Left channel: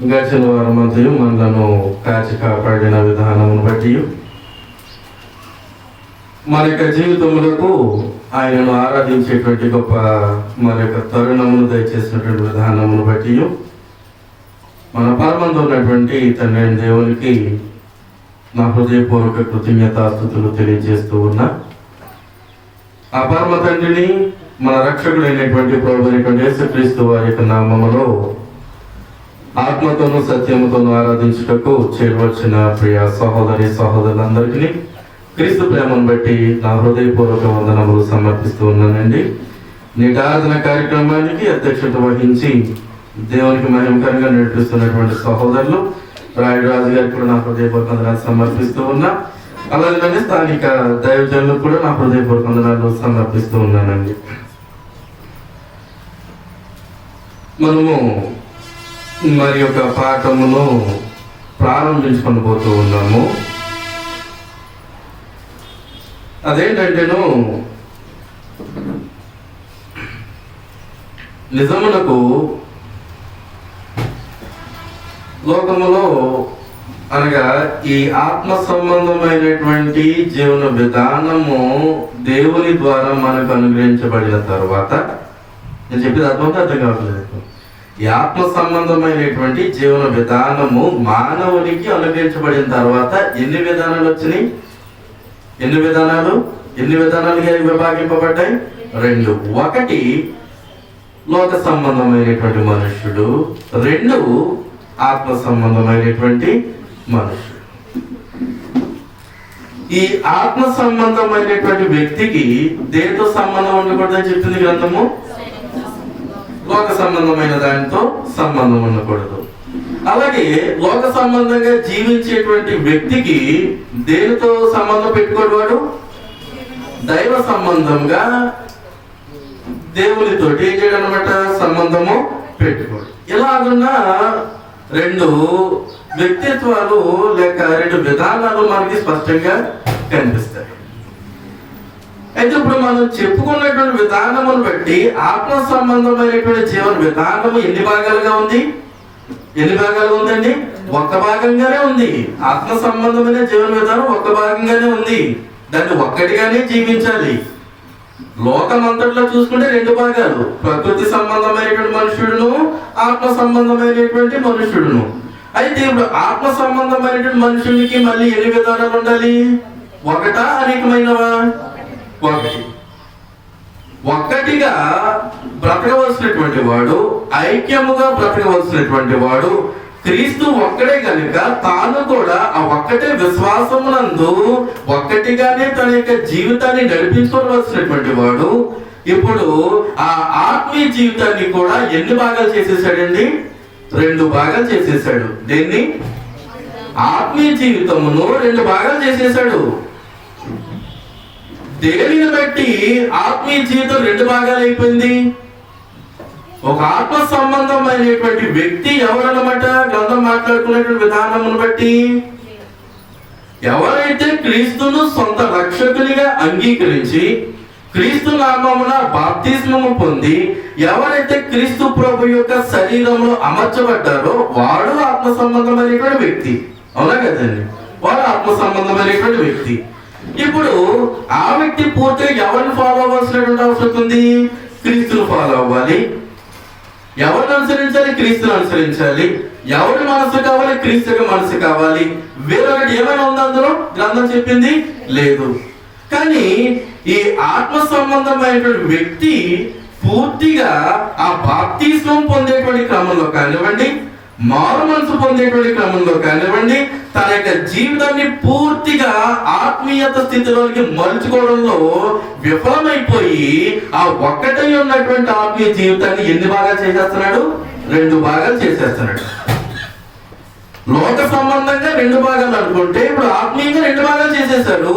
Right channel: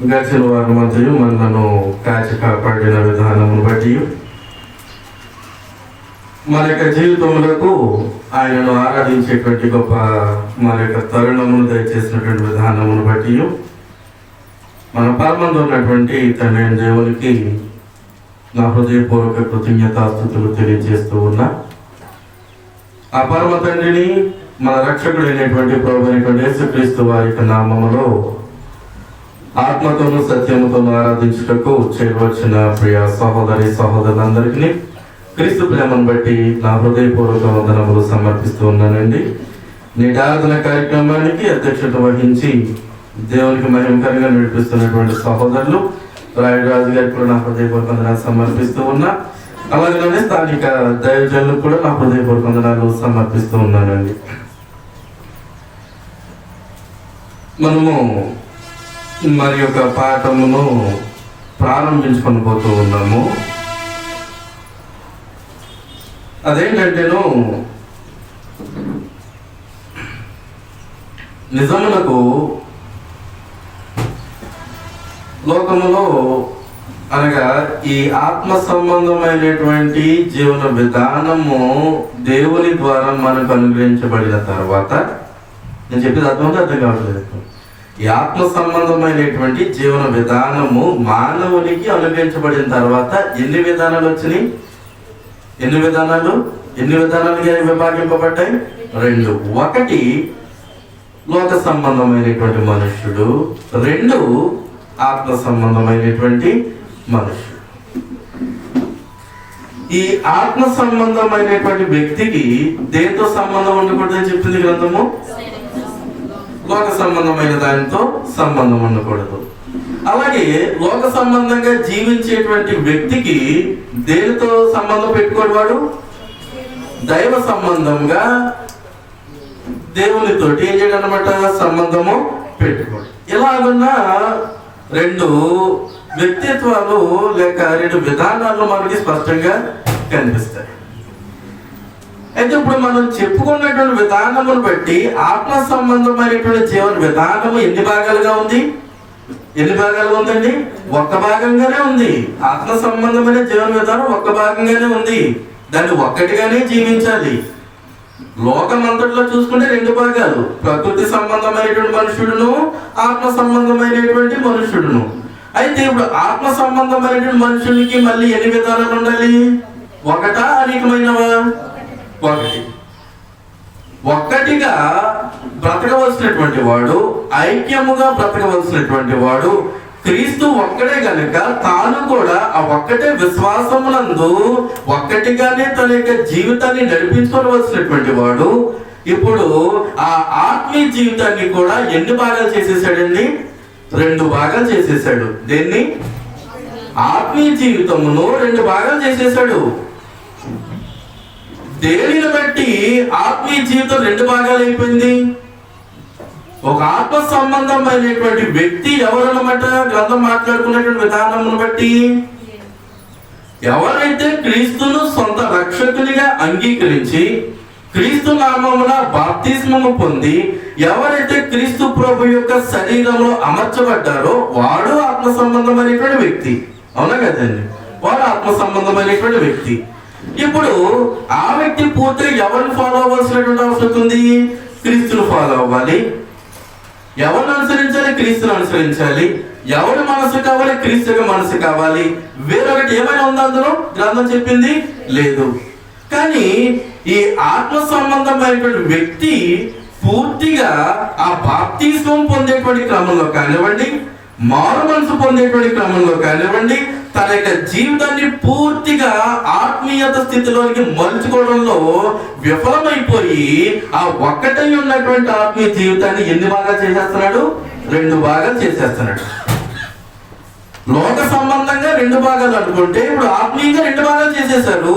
గడిచిన వారం మధ్య మనలను కాచి కాపాడిన విధానమును బట్టి మన యొక్క జీవితములకు ఆయనను ఆరాధించేటువంటి గొప్ప మన యొక్క తరుణమును దయచేసినటువంటి విధానమును బట్టి మన పరమందు ఉన్నటువంటి తండ్రి దేవునికి నా హృదయపూర్వక కృతజ్ఞతాస్తుతులు తెలియజేస్తూ ఉన్నా. ఆ పరమ తండ్రిని మన రక్షకుడైనటువంటి ప్రభువైనటువంటి యేసుక్రీస్తు వారి యొక్క నామములో ఆత్మతోనూ సత్యముతోనూ ఆరాధించుటకు చేరవలసిన ప్రియ సహోదరి సహోదరులందరికీ క్రీస్తు ప్రేమను బట్టి నా హృదయపూర్వక వందనములు సమర్పిస్తూ ఉన్నానండి. నేటి ఆరాధన కార్యక్రమానికి అధ్యక్షత వహించి దేవునికి మహిమకరంగా నడిపిస్తున్నటువంటి సహోదరులు రాజు గారికి కూడా నా హృదయపూర్వక వందనాలు సమర్పిస్తూ ఉన్నా. అలాగే స్థానిక దైవజనులకు కూడా నా హృదయపూర్వక వందనాలు సమర్పిస్తూ ఉన్నానండి. మనము మరి యొక్క పాఠమును ప్రారంభించుకొని పోతూ ఉన్నాము. అదేంటంటేను నిజమునకు లోకములో అనగా ఈ ఆత్మ సంబంధమైనటువంటి జీవన విధానము దేవుని ద్వారా మనకు అనుగ్రహించబడిన తర్వాత, నేను చెప్పేది అర్థం కావట్లేదు. ఈ ఆత్మ సంబంధమైనటువంటి జీవన విధానము మానవునికి అనుగ్రహించబడిన తర్వాత ఎన్ని విధానాలు వచ్చినాయి? ఎన్ని విధానాలుగా విభాగింపబడ్డాయి? రెండు. ఒకటి లోక సంబంధమైనటువంటి మనుష్యుడు, రెండు ఆత్మ సంబంధమైనటువంటి మనుష్యుడు. ఈ ఆత్మ సంబంధమైనటువంటి వ్యక్తికి దేనితో సంబంధం ఉండకూడదని చెప్పింది గ్రంథము? లోక సంబంధమైన దానితో సంబంధం ఉండకూడదు. అలాగే లోక సంబంధంగా జీవించేటువంటి వ్యక్తికి దేనితో సంబంధం పెట్టుకోడు? దైవ సంబంధంగా దేవునితోటి ఏం చేయడం అనమాట, సంబంధము పెట్టుకోడు. ఇలాగున్న రెండు వ్యక్తిత్వాలు లేక రెండు విధానాలు మనకి స్పష్టంగా కనిపిస్తాయి. అయితే ఇప్పుడు మనం చెప్పుకున్నటువంటి విధానమును బట్టి ఆత్మ సంబంధమైనటువంటి జీవన విధానము ఎన్ని భాగాలుగా ఉంది? ఉందండి? ఒక్క భాగంగానే ఉంది. ఆత్మ సంబంధమైన జీవన విధానం ఒక్క భాగంగానే ఉంది. దాన్ని ఒక్కటిగానే జీవించాలి. లోకమంతట్లో చూసుకుంటే రెండు భాగాలు, ప్రకృతి సంబంధమైనటువంటి మనుష్యుడును, ఆత్మ సంబంధమైనటువంటి మనుష్యుడును. అయితే ఇప్పుడు ఆత్మ సంబంధమైనటువంటి మనుషునికి మళ్ళీ ఎన్ని విధానాలు ఉండాలి? ఒకటా అనేకమైనవా? ఒక్కటిగా బ్రతకవలసినటువంటి వాడు, ఐక్యముగా బ్రతకవలసినటువంటి వాడు క్రీస్తు ఒక్కడే గనుక తాను కూడా ఆ ఒక్కటే విశ్వాసమునందు ఒక్కటిగానే తన యొక్క జీవితాన్ని నడిపించుకోవలసినటువంటి వాడు ఇప్పుడు ఆ ఆత్మీయ జీవితాన్ని కూడా ఎన్ని భాగాలు చేసేసాడండి? రెండు భాగాలు చేసేసాడు. దేన్ని? ఆత్మీయ జీవితమును రెండు భాగాలు చేసేసాడు. దేనిని బట్టి ఆత్మీయ జీవితం రెండు భాగాలు అయిపోయింది? ఒక ఆత్మ సంబంధమైనటువంటి వ్యక్తి ఎవరన్నమాట? గ్రంథం మాట్లాడుకున్నటువంటి విధానమును బట్టి ఎవరైతే క్రీస్తును సొంత రక్షకునిగా అంగీకరించి క్రీస్తు నామమున బాప్తిస్మము పొంది ఎవరైతే క్రీస్తు ప్రభు యొక్క శరీరంలో అమర్చబడ్డారో వాడు ఆత్మ సంబంధమైనటువంటి వ్యక్తి. అవునా కదండి? వాడు ఆత్మ సంబంధమైనటువంటి వ్యక్తి. ఇప్పుడు ఆ వ్యక్తి పూర్తిగా ఎవరిని ఫాలో అవ్వాల్సినటువంటి అవసరం ఉంది? క్రీస్తును ఫాలో అవ్వాలి. ఎవరిని అనుసరించాలి? క్రీస్తుని అనుసరించాలి. ఎవరి మనసు కావాలి? క్రీస్తుగా మనసు కావాలి. వేరొకటి ఏమైనా ఉందా అందులో? గ్రంథం చెప్పింది లేదు. కానీ ఈ ఆత్మ సంబంధమైనటువంటి వ్యక్తి పూర్తిగా ఆ బాప్తిస్మం పొందేటువంటి క్రమంలో కానివ్వండి, మారు మనసు పొందేటువంటి క్రమంలో కానివ్వండి, తన యొక్క జీవితాన్ని పూర్తిగా ఆత్మీయత స్థితిలోనికి మలుచుకోవడంలో విఫలమైపోయి ఆ ఒక్కటై ఉన్నటువంటి ఆత్మీయ జీవితాన్ని ఎన్ని భాగాలు చేసేస్తున్నాడు? రెండు భాగాలు చేసేస్తున్నాడు. లోక సంబంధంగా రెండు భాగాలు అనుకుంటే ఇప్పుడు ఆత్మీయంగా రెండు భాగాలు చేసేసాడు.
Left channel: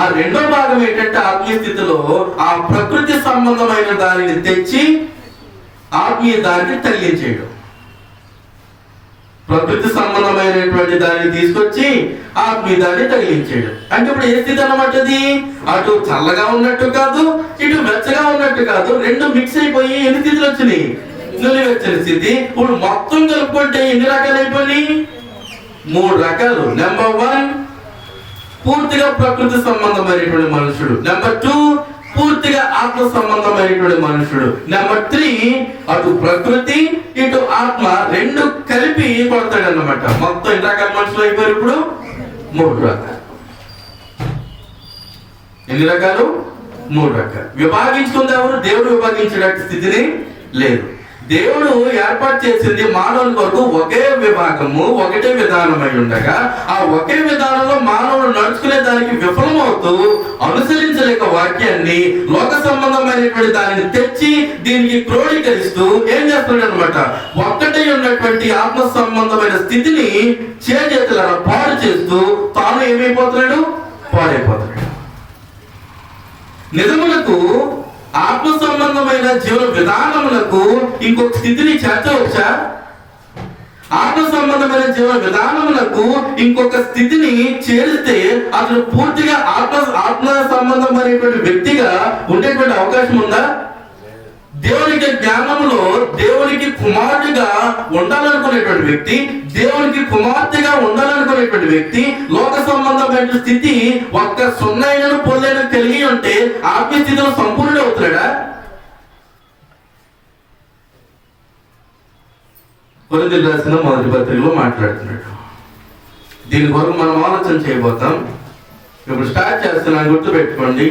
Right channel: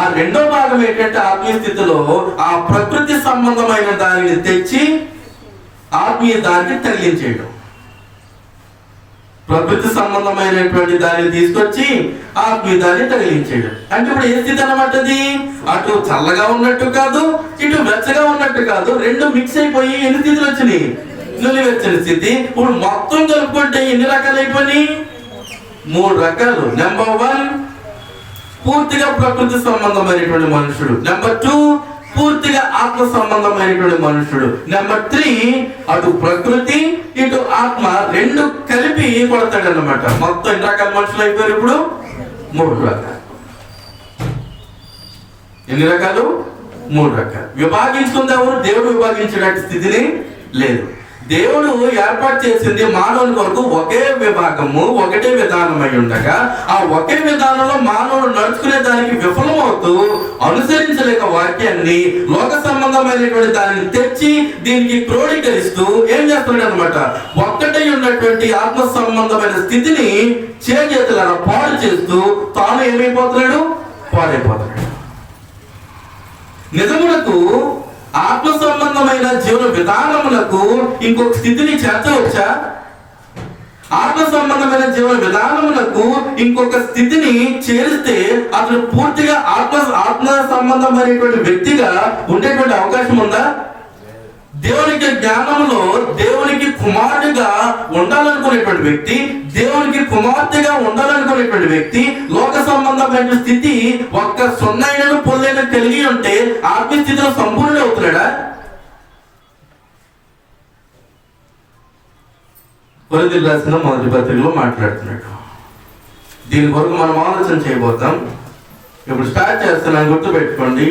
ఆ రెండో భాగం ఏంటంటే ఆత్మీయ స్థితిలో ఆ ప్రకృతి సంబంధమైన దానిని తెచ్చి ఆత్మీయ దానికి తగిలించేయడం. ప్రకృతి సంబంధమైనటువంటి దాన్ని తీసుకొచ్చి ఆత్మీయ దాన్ని తగిలించాడు. అంటే ఇప్పుడు ఏ స్థితి అన్నమాట? అది అటు చల్లగా ఉన్నట్టు కాదు, ఇటు వెచ్చగా ఉన్నట్టు కాదు, రెండు మిక్స్ అయిపోయి ఎన్ని స్థితులు వచ్చినాయి? నులివెచ్చని స్థితి. ఇప్పుడు మొత్తం కలుపుకుంటే ఎన్ని రకాలు అయిపోయి? 3 రకాలు. నెంబర్ 1 పూర్తిగా ప్రకృతి సంబంధమైనటువంటి మనుషుడు. నెంబర్ 2 పూర్తిగా ఆత్మ సంబంధమైనటువంటి మనుషుడు. నెంబర్ 3 అటు ప్రకృతి ఇటు ఆత్మ రెండు కలిపి కొడతాడు అన్నమాట. మొత్తం ఎన్ని రకాల మనుషులు అయిపోయారు ఇప్పుడు? 3 రకాలు. ఎన్ని రకాలు? 3 రకాలు. విభాగించుకుంది ఎవరు? దేవుడు విభాగించే స్థితిని లేదు. దేవుడు ఏర్పాటు చేసింది మానవుని కొరకు ఒకే విభాగము, ఒకటే విధానమై ఉండగా ఆ ఒకే విధానంలో మానవుడు నడుచుకునే దానికి విఫలమవుతూ అనుసరించలేక వాక్యాన్ని లోక సంబంధమైనటువంటి దానిని తెచ్చి దీనికి క్రోడీకరిస్తూ ఏం చేస్తున్నాడు అనమాట? ఒక్కటే ఉన్నటువంటి ఆత్మ సంబంధమైన స్థితిని చేతుల పాడు చేస్తూ తాను ఏమైపోతున్నాడు? పాడైపోతున్నాడు. నిజములకు ఆత్మ సంబంధమైన జీవన విధానములకు ఇంకొక స్థితిని చేర్చవచ్చా? ఆత్మ సంబంధమైన జీవన విధానములకు ఇంకొక స్థితిని చేరిస్తే అతను పూర్తిగా ఆత్మ సంబంధమైనటువంటి వ్యక్తిగా ఉండేటువంటి అవకాశం ఉందా? దేవునికి జ్ఞానంలో దేవునికి కుమారుడిగా ఉండాలనుకునేటువంటి వ్యక్తి, దేవునికి కుమార్తెగా ఉండాలనుకునేటువంటి వ్యక్తి లోక సంబంధమైన స్థితి ఒక్క సున్నైనను పొల్లైన కలిగి ఉంటే ఆత్మస్థితిలో సంపూర్ణ అవుతున్నాడా? కొరింథీయులకు రాసిన మొదటి పత్రికలో మాట్లాడుతున్నాడు. దీని కొరకు మనం ఆలోచన చేయబోతాం. ఇప్పుడు స్టార్ట్ చేస్తున్నాను, గుర్తు పెట్టుకోండి.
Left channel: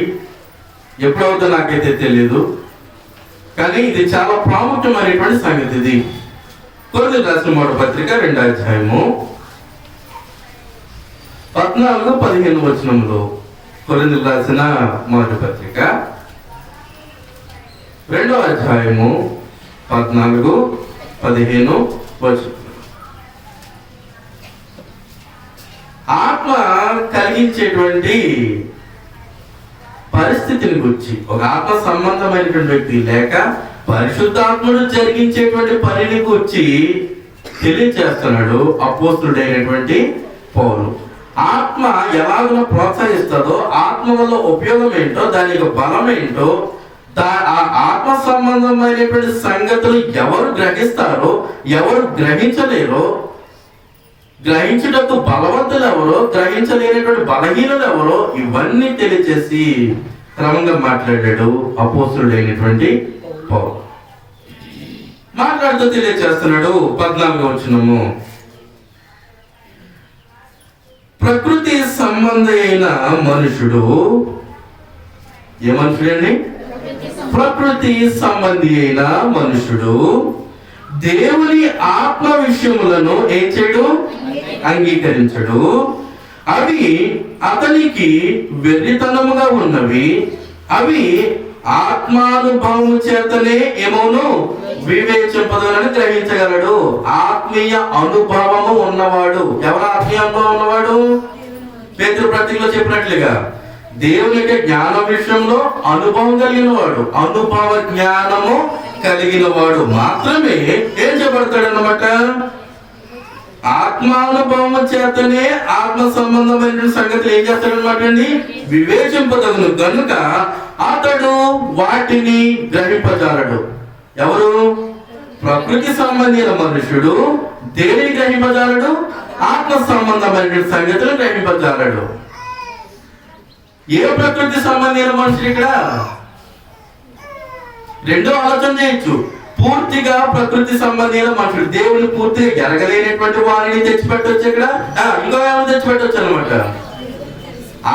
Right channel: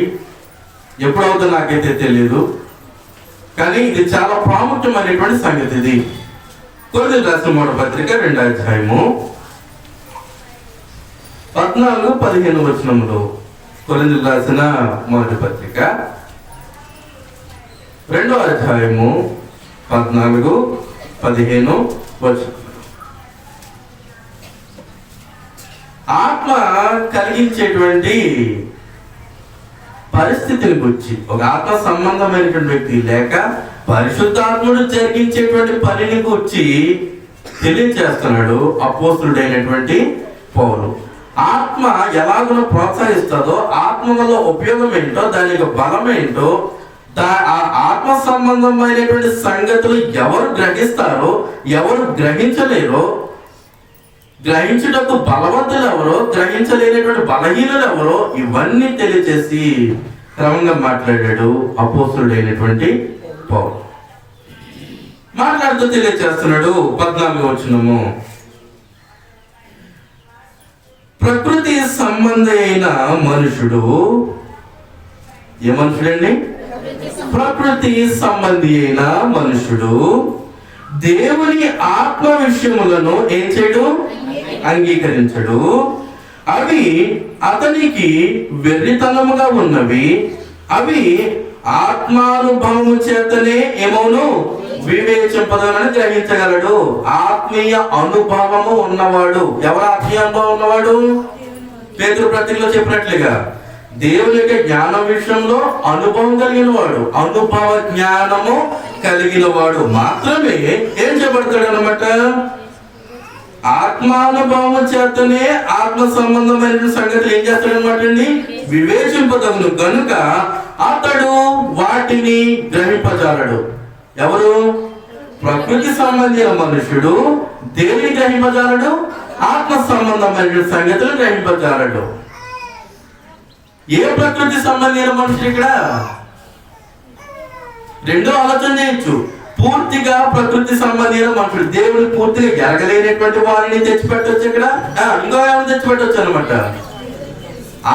ఎప్పుడవుతుందో నాకైతే తెలియదు, కానీ ఇది చాలా ప్రాముఖ్యమైనటువంటి సంగతి. ఇది కొరింథీయులకు రాసిన మొదటి పత్రిక 2వ అధ్యాయము 14-15 వచనంలో. కొరింథీయులకు రాసిన మొదటి పత్రిక 2వ అధ్యాయము 14-15 వచనం. ఆత్మ కలిగించేటువంటి పరిస్థితిని గురించి ఒక ఆత్మ సంబంధమైనటువంటి వ్యక్తి లేక పరిశుద్ధాత్ముడు జరిగించేటువంటి పనిని గురించి తెలియజేస్తున్నాడు అపోస్తలుడైనటువంటి పౌలు. ఆత్మ ఎలాగో ప్రోత్సహిస్తుందో, ఆత్మ వల్ల ఉపయోగం ఏంటో, దాని యొక్క బలం ఏంటో, ఆ ఆత్మ సంబంధమైనటువంటి సంగతులు ఎవరు గ్రహిస్తారో ఎవరు గ్రహించలేరో, గ్రహించుటకు బలవంతులు ఎవరో గ్రహించలేనటువంటి బలహీనులు ఎవరో, ఇవన్నీ తెలియజేసి క్రమంగా మాట్లాడాడు అపోస్తలుడైనటువంటి పౌలు. మాట్లాడుతూ తెలియజేస్తున్నాడు 14వ వచనము. ప్రకృతి సంబంధి అయిన మనుషుడు, ఏ మనుషుడండి? ప్రకృతి సంబంధి అయిన మనుషుడు దేవుని ఆత్మ విషయములను ఏం చేయడు? అంగీకరించడు. అవి అతనికి వెర్రితనముగా ఉన్నవి. అవి ఆత్మానుభవము చేతనే ఏమోను వివేచింపదనని గ్రహించగలడు. ఆత్మీయ అనుభవము ఉన్నవాడు. ఎవరు ఆత్మీయ అనుభవం ఉన్నవాడు? పేతురు పత్రికలో చెప్పినట్లుగా దేవుని యొక్క జ్ఞానం విషయంలో అనుభవం కలిగిన వాడు, అనుభవ జ్ఞానము కలిగిన వాడు మాత్రమే ఏం చేయబడతాడు అన్నమాట? ఆత్మానుభవం చేతనే ఆత్మ సంబంధమైన సంగతులు ఏం చేస్తాడనమాట అండి? వివేచింపదగును గనుక అతడు వాటిని గ్రహింపజాలడు. ఎవరు? ప్రకృతి సంబంధించిన మనుషుడు దేనిని గ్రహింపజాలడు? ఆత్మ సంబంధమైన సంగతులు గ్రహింపజాలడు. ఏ ప్రకృతి సంబంధించిన మనుషుడు ఇక్కడ? రెండో ఆలోచన చేయొచ్చు. పూర్తిగా ప్రకృతి సంబంధించిన మనుషుడు, దేవుడు పూర్తిగా ఎరగలేనటువంటి వారిని తెచ్చిపెట్టవచ్చు. ఇక్కడ ఇంకో ఏమైనా తెచ్చిపెట్టవచ్చు అనమాట.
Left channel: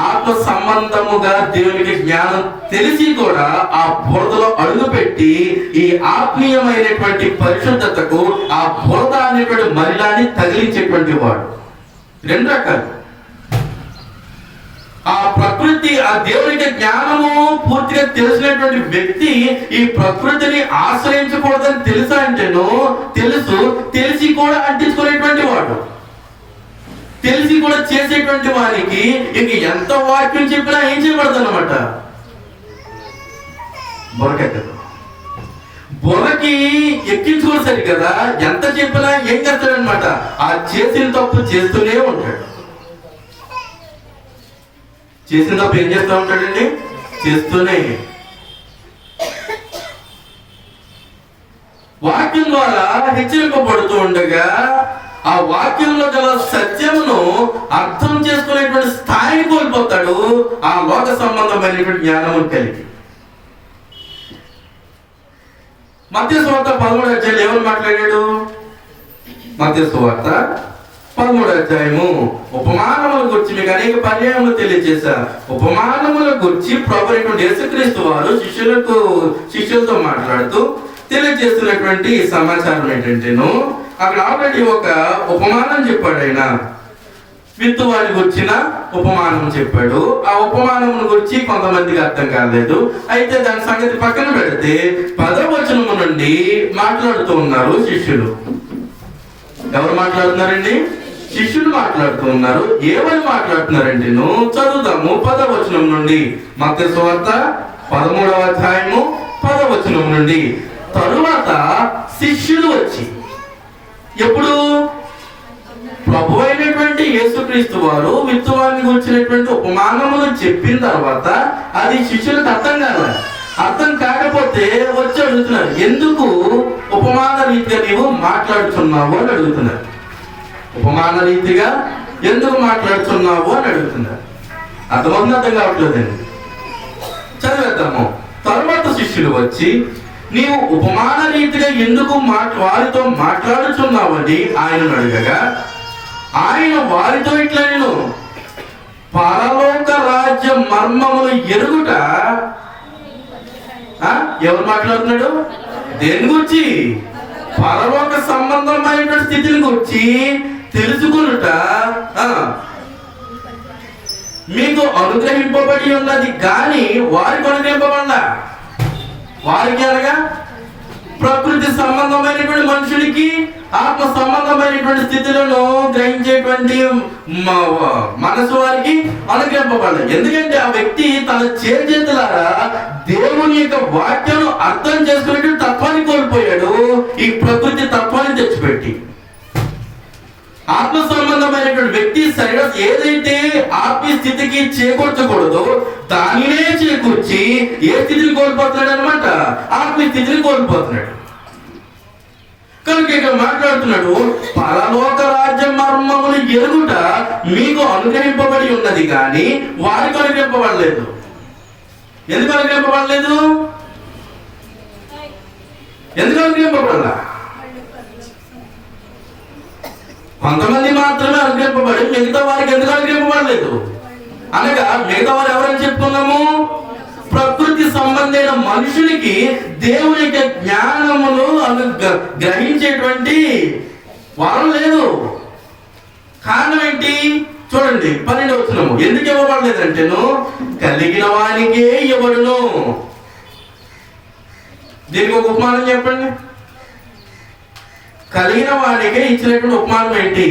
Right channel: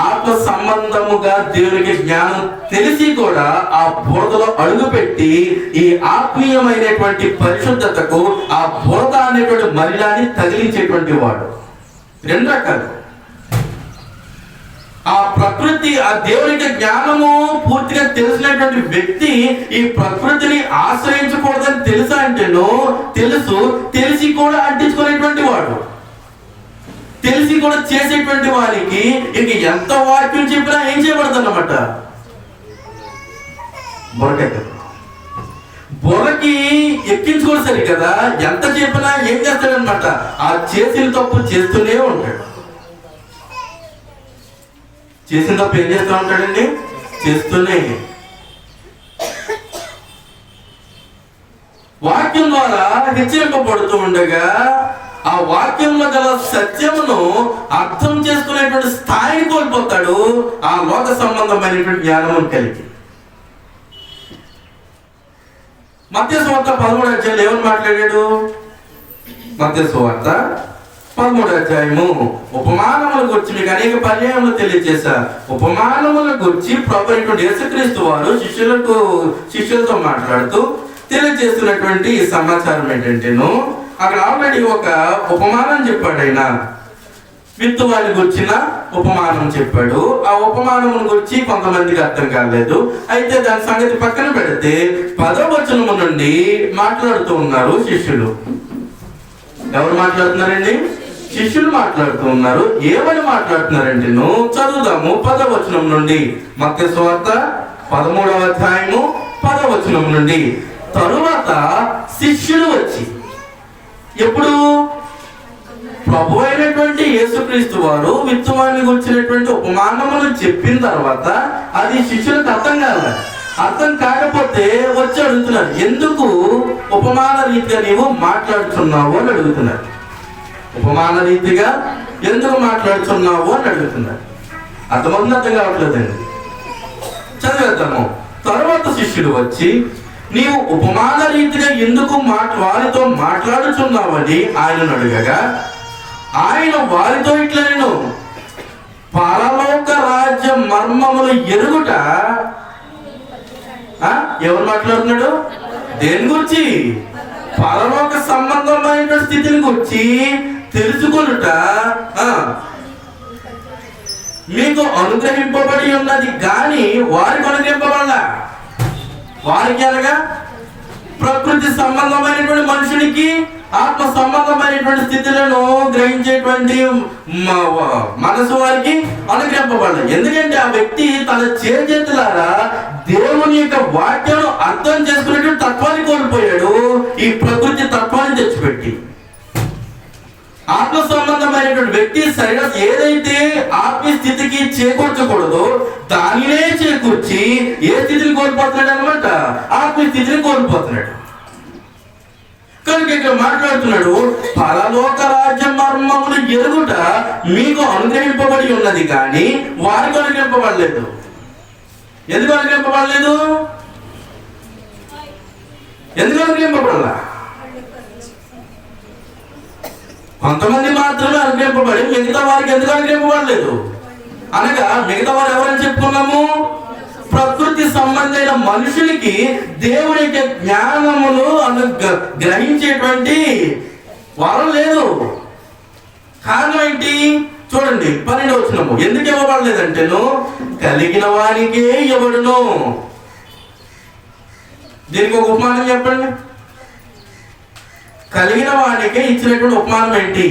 ఆత్మ సంబంధముగా దేవునికి జ్ఞానం తెలిసి కూడా ఆ బురదలో అడుగుపెట్టి ఈ ఆత్మీయమైనటువంటి పరిశుద్ధతకు ఆ బురద అనేటువంటి మలినాన్ని తగిలించేటువంటి వాడు. 2 రకాలు. ఆ ప్రకృతి, ఆ దేవునికి జ్ఞానము పూర్తిగా తెలిసినటువంటి వ్యక్తి ఈ ప్రకృతిని ఆశ్రయించకూడదని తెలుసా అంటేను తెలుసు, తెలిసి కూడా అంటించుకునేటువంటి వాడు, తెలిసి కూడా చేసేటువంటి వారికి ఇంక ఎంత వాక్యం చెప్పినా ఏం చేయబడదు అన్నమాట. బుర్రకి ఎక్కించుకోవాలి సరి కదా, ఎంత చెప్పినా ఏం చేస్తాడనమాట? ఆ చేసిన తప్పు చేస్తూనే ఉంటాడు. చేసిన తప్పు ఏం చేస్తూ ఉంటాడండి? చేస్తూనే. వాక్యం ద్వారా హెచ్చరింపబడుతూ ఉండగా ఆ వాక్యంలో గల సత్యమును అర్థం చేసుకునేటువంటి స్థాయిని కోల్పోతాడు ఆ లోక సంబంధమైనటువంటి జ్ఞానమును కలిగి. మత్తయి సువార్త 13వ అధ్యాయంలో ఎవరు మాట్లాడాడు? మత్తయి సువార్త 13వ అధ్యాయము ఉపమానముల గురించి మీకు అనేక పర్యాయములు తెలియజేశా. ఉపమానముల గురించి ప్రభువైనటువంటి యేసుక్రీస్తు వారు శిష్యులతో మాట్లాడుతూ తెలియజేస్తున్నటువంటి సమాచారం ఏంటంటేను, అక్కడ ఆల్రెడీ ఒక ఉపమానం చెప్పాడు. ఆయన విత్తువాని గురించిన ఉపమానం చెప్పాడు. ఆ ఉపమానమును గురించి కొంతమందికి అర్థం కాలేదు. అయితే దాని సంగతి పక్కన పెడితే 10వ వచనము నుండి మాట్లాడుతూ ఉన్నారు శిష్యులు. ఎవరు మాట్లాడుతున్నారండి? శిష్యులు మాట్లాడుతూ ఉన్నారు. ఏమని మాట్లాడుతున్నారంటే చదువుదాము 10వ వచనం నుండి. మత్తయి సువార్త 13వ అధ్యాయము 10వ వచనం నుండి. తరువాత శిష్యులు వచ్చి, ఎప్పుడు? ప్రభు అయినటువంటి యేసుక్రీస్తు వారు విత్తువాన్ని గురించినటువంటి ఉపమానమును చెప్పిన తర్వాత అది శిష్యులకు అర్థం కాకపోతే వచ్చి అడుగుతున్నారు, ఎందుకు ఉపమాన రీతిగా నీవు మాట్లాడుతున్నావు అని అడుగుతున్నారు. ఉపమాన రీతిగా ఎందుకు మాట్లాడుతున్నావు అని అడుగుతున్నారు. అర్థం కావట్లేదండి. చదివేద్దాము. తర్వాత శిష్యులు వచ్చి, నీవు ఉపమాన రీతిగా ఎందుకు వారితో మాట్లాడుచున్నావని ఆయనను అడగగా, ఆయన వారితో ఇట్లా, నేను పరలోక రాజ్య మర్మములు ఎరుగుట. ఎవరు మాట్లాడుతున్నాడు? దేని గురించి? పరలోక సంబంధమైన స్థితిని గురించి తెలుసుకునుట మీకు అనుగ్రహింపబడి ఉన్నది, కానీ వారికి అనుగ్రహింపబడలా. వారికి అనగా ప్రకృతి సంబంధమైనటువంటి మనుషునికి ఆత్మ సంబంధమైనటువంటి స్థితులను గ్రహించేటువంటి మనసు వారికి అనుగ్రహింపబడదు. ఎందుకంటే ఆ వ్యక్తి తన చేతులారా దేవుని యొక్క వాక్యాన్ని అర్థం చేసుకునేటువంటి తత్వాన్ని కోల్పోయాడు, ఈ ప్రకృతి తత్వాన్ని తెచ్చిపెట్టి. ఆత్మ సంబంధమైనటువంటి వ్యక్తి సరిగా ఏదైతే ఆత్మీయ స్థితికి చేకూర్చకూడదో దానినే చేకూర్చి ఏ స్థితిని కోల్పోతున్నాడు అనమాట? ఆత్మీయ స్థితిని కోల్పోతున్నాడు. కనుక ఇక్కడ మాట్లాడుతున్నాడు, పరలోక రాజ్య మర్మములు ఎరుగుట మీకు అనుగ్రహింపబడి ఉన్నది, కానీ వారికి అనుగ్రహింపబడలేదు. ఎందుకు అనుగ్రహింపబడలేదు? ఎందుకు అనుగ్రహింపబడాల? కొంతమంది మాత్రమే అనుగ్రహింపబడి మిగతా వారికి ఎందుకు అనుగ్రహింపబడలేదు అనగా, మిగతా వారు ఎవరని చెప్పుకున్నాము? ప్రకృతి సంబంధమైన మనుషులకి దేవుని యొక్క జ్ఞానమును గ్రహించేటువంటి వరం లేదు. కారణం ఏంటి? చూడండి 12వ వచనము. ఎందుకు ఇవ్వబడలేదంటేను, కలిగిన వానికే ఇవ్వడును. దీనికి ఒక ఉపమానం చెప్పండి. కలిగిన వానికే ఇచ్చినటువంటి ఉపమానం ఏంటి?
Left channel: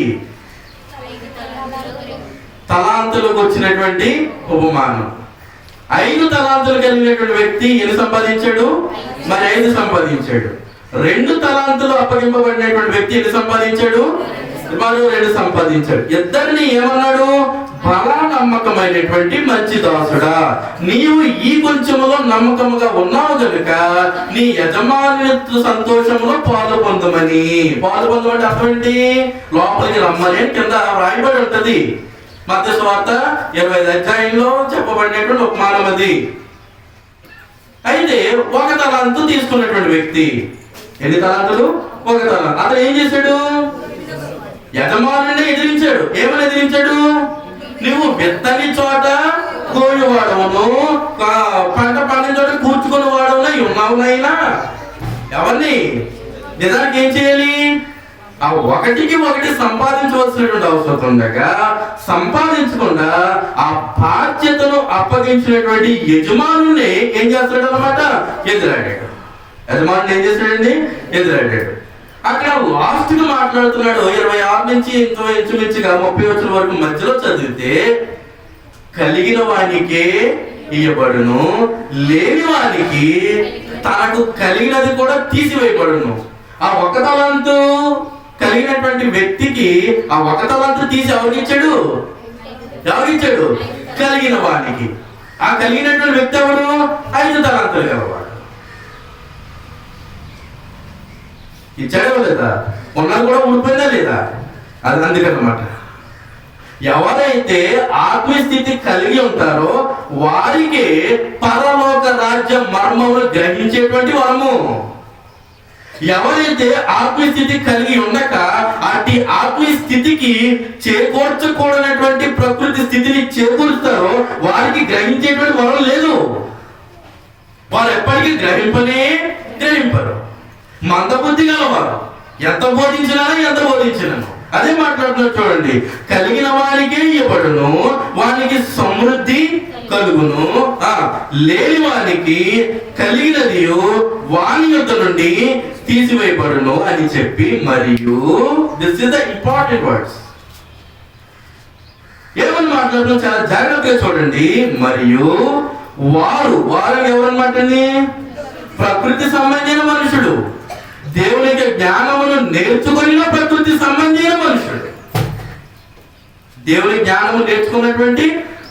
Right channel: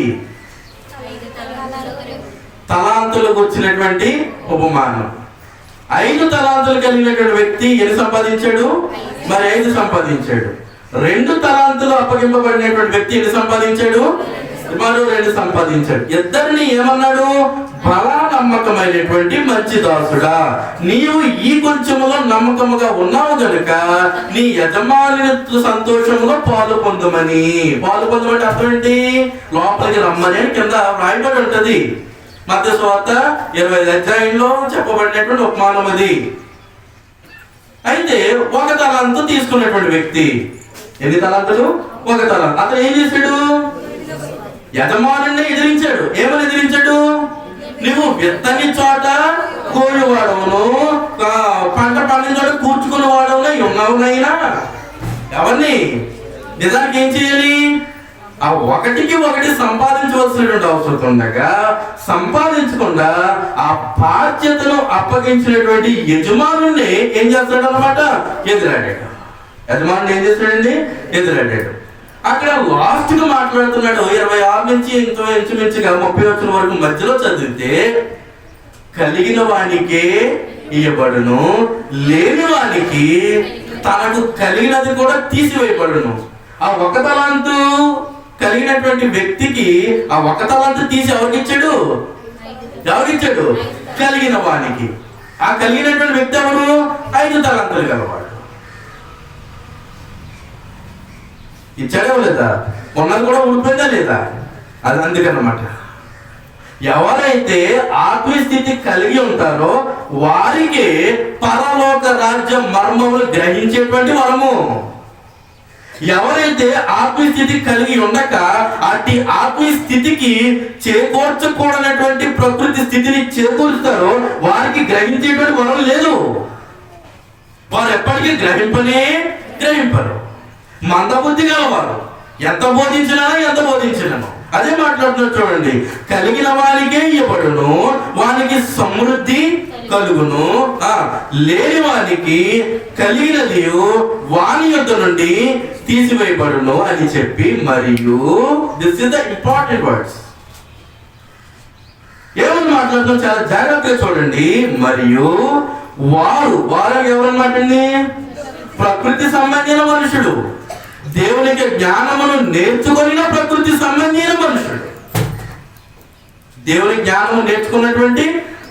తలాంతులకు వచ్చినటువంటి ఉపమానం. 5 తలాంతులు కలిగినటువంటి వ్యక్తి ఎన్ని సంపాదించాడు? మరి 5 సంపాదించాడు. 2 తలాంతులు అప్పగింపబడినటువంటి వ్యక్తి ఎన్ని సంపాదించాడు? మరో 2 సంపాదించాడు. ఇద్దరిని ఏమన్నాడు? బలా నమ్మకమైనటువంటి మంచి దాసుడా, నీవు ఈ కొంచెములో నమ్మకముగా ఉన్నావు గనుక నీ యజమాని సంతోషంలో పాలు పొందమని. పాలు పొందమంటే అర్థం ఏంటి? లోపలికి రమ్మని కింద రాయబడి ఉంటది. మత్తయి సువార్త 25వ అధ్యాయంలో చెప్పబడినటువంటి ఉపమానం అది. అయితే 1 తలాంతు తీసుకున్నటువంటి వ్యక్తి, ఎన్ని తలాంతులు? 1 తలాంతు. అతను ఏం చేశాడు? యజమానుని ఎదిరించాడు. ఏమని ఎదిరించాడు? నువ్వు విత్తని చోట కోయువాడవును, పంట పండిన చోట కూర్చుకుని వాడవునా ఉన్నావునైనా. ఎవరిని? నిజానికి ఏం చేయాలి? ఆ 1కి 1 సంపాదించవలసినటువంటి అవసరం ఉండగా సంపాదించకుండా ఆ బాధ్యతను అప్పగించినటువంటి యజమానుని ఏం చేస్తాడు అనమాట? ఎదురాడాడు. యజమానుని ఏం చేస్తాడండి? ఎదురాడాడు. అక్కడ లాస్ట్ గా మాట్లాడుతున్నాడు. 26 నుంచి ఇంచుమించుగా 30 వచనం వరకు మధ్యలో చదివితే, కలిగిన వానికే ఇయ్యబడును, లేని వానికి తనకు కలిగినది కూడా తీసివేయబడును. ఆ 1 తలాంతు కలిగినటువంటి వ్యక్తికి ఆ 1 తలాంతు తీసి ఎవరికిచ్చాడు? కలిగిన వానికి. ఆ కలిగినటువంటి వ్యక్తి ఎవరు? 5 తలాంతులు గలవాడు. ఇచ్చాడే లేదా? ఉన్నది కూడా ఊడిపోయిందా లేదా? అది అందుకన్నమాట. ఎవరైతే ఆత్మీయ స్థితి కలిగి ఉంటారో వారికి పరలోక రాజ్య మర్మములు గ్రహించేటువంటి వరము. ఎవరైతే ఆత్మీయ స్థితి కలిగి ఉండక అట్టి ఆత్మీయ స్థితికి చేకూర్చకూడనటువంటి ప్రకృతి స్థితిని చేకూరుస్తారో వారికి గ్రహించేటువంటి వరం లేదు. వారు ఎప్పటికీ గ్రహింపరు. మందబుద్ధి గలవారు. ఎంత బోధించినాను అదే మాట్లాడుతున్నారు చూడండి. కలిగిన వానికే ఇవ్వబడును, వానికి సమృద్ధి కలుగును. లేని వానికి కలిగినది వాని యొద్ద నుండి తీసివేయబడును అని చెప్పి, మరియు this is the important words. ఏమని మాట్లాడుతున్నా చాలా జాగ్రత్తగా చూడండి. మరియు వారు ఎవరన్నమాట? ప్రకృతి సంబంధించిన మనుషుడు, దేవునికి జ్ఞానమును నేర్చుకున్న ప్రకృతి సంబంధించిన మనుషుడు. దేవుని జ్ఞానము నేర్చుకున్నటువంటి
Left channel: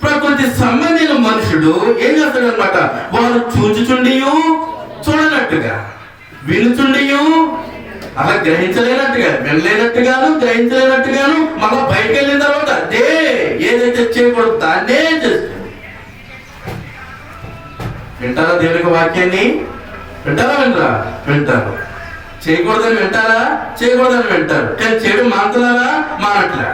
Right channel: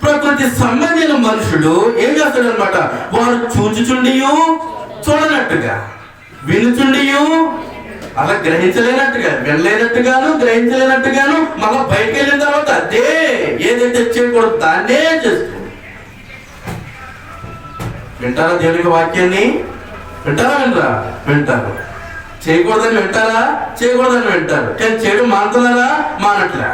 ప్రకృతి సంబంధించిన మనుషుడు ఏం చేస్తాడు అనమాట? వారు చూచుచుండియు చూడనట్టుగా, వినుచుండియు అలా గ్రహించలేనట్టుగా, వినలేనట్టుగాను గ్రహించలేనట్టుగాను మళ్ళీ బయటకు వెళ్ళిన తర్వాత అదే ఏదైతే చేయకూడదు దాన్నే చేస్తుంది. వింటారా దేవునికి వాక్యాన్ని? వింటారు. చేయకూడదని వింటారు. కానీ చేయడం మానట్లా.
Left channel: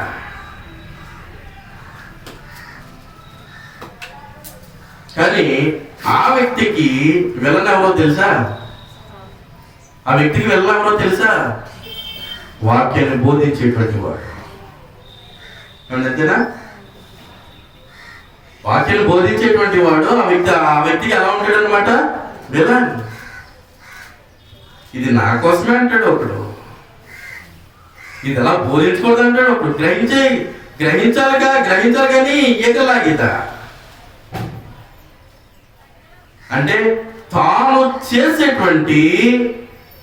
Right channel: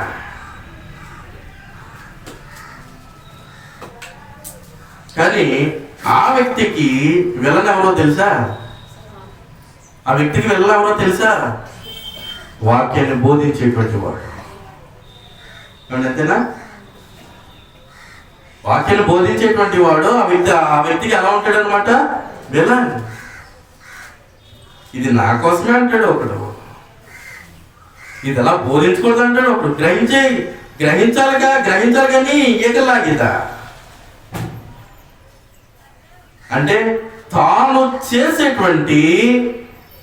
కానీ ఆ వ్యక్తికి విలన్ ఎవరో తెలుసా? వాక్యాన్ని బోధించేటువంటి వాడు. అంతేనా? వాక్యాన్ని బోధించేటువంటి వాడు ఆ వ్యక్తికి ఎలా ఉంటాడు అనమాట? విలన్. ఇది నా కోసమే అంటాడు ఒకడు, ఇది ఎలా బోధించకూడదు అంటాడు ఒకడు. గ్రహించాలి కానీ ఏకలాగిత అంటే తాను చేసేటువంటి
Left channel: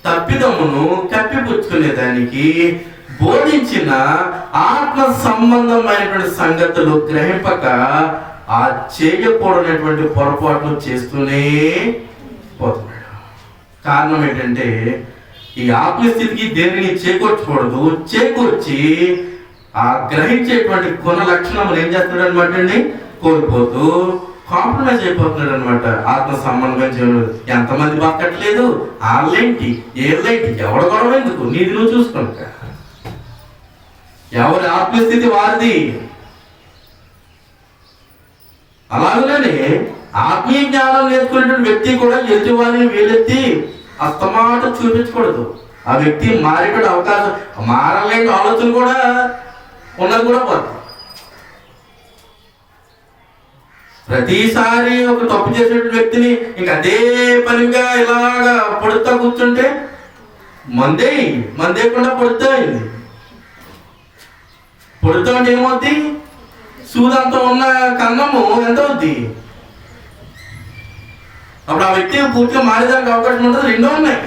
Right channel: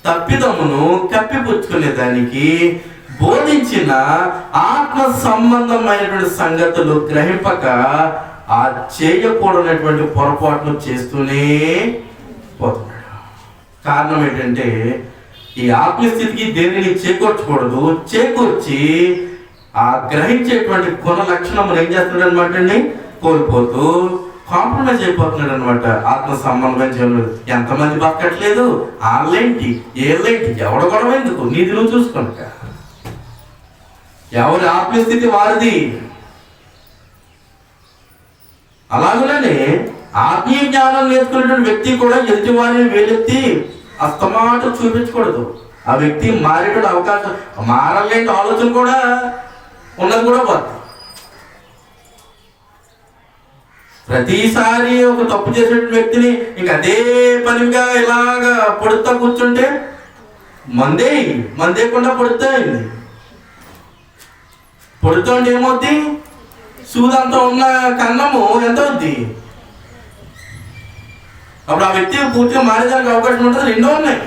తప్పిదమును కప్పిపుచ్చుకునే దానికి బోధించిన ఆత్మ సంబంధమైనటువంటి సంగతులు గ్రహింపక ఆ చేయకూడనటువంటి పొరపాట్లు చేస్తూనే పోతున్నాడు. కారణం ఏంటంటే ఈ ఆత్మస్థితికి దేనిని చేకూర్చి ఆ గ్రహించేటువంటి కొన లక్షణం ఏం చేస్తున్నాడు అనమాట అండి? కోల్పోతూ కాంప్రమైజ్ అయిపోతున్నాడు అనమాట. ఆత్మ సంబంధమైన జీవనం ఎంతమంది బతకట్లేదు, ఆన్లైన్టి ఏళ్ళైంటి ఎవడ గొడవ ఎందుకు? నీది నువ్వు చూసుకుంటా. ఎవరి ఆత్మస్థితి వారిది. అలాగనే ఆత్మీయ జ్ఞానం నేర్చుకునేటువంటి వ్యక్తి కూడా ఎదుటి వారిని వేలెత్తి అస్తమాట చూపించకూడదు. ఆ వ్యక్తి మారేటువంటి అవకాశం, మారలేని ఆలోచన కూడా ఉన్నది కూడా పోతుంది. ప్రతిసారి ఒక తప్పు చేసేటువంటి వ్యక్తిని ఇంక అదే పనిగా ఇలాగా పొడుతా కూర్చుంటే మందేయకుండా పొడుతాయింది. పొడుతూ అంటే ఏమవుద్ది? సూదంతా ఉన్న కన్నము ఎంత అవుద్ది? అప్పుడు ఆ వ్యక్తి పూర్తిగా మారేదానికి అవకాశం ఉంటుంది. రెండో ఉన్నాయి.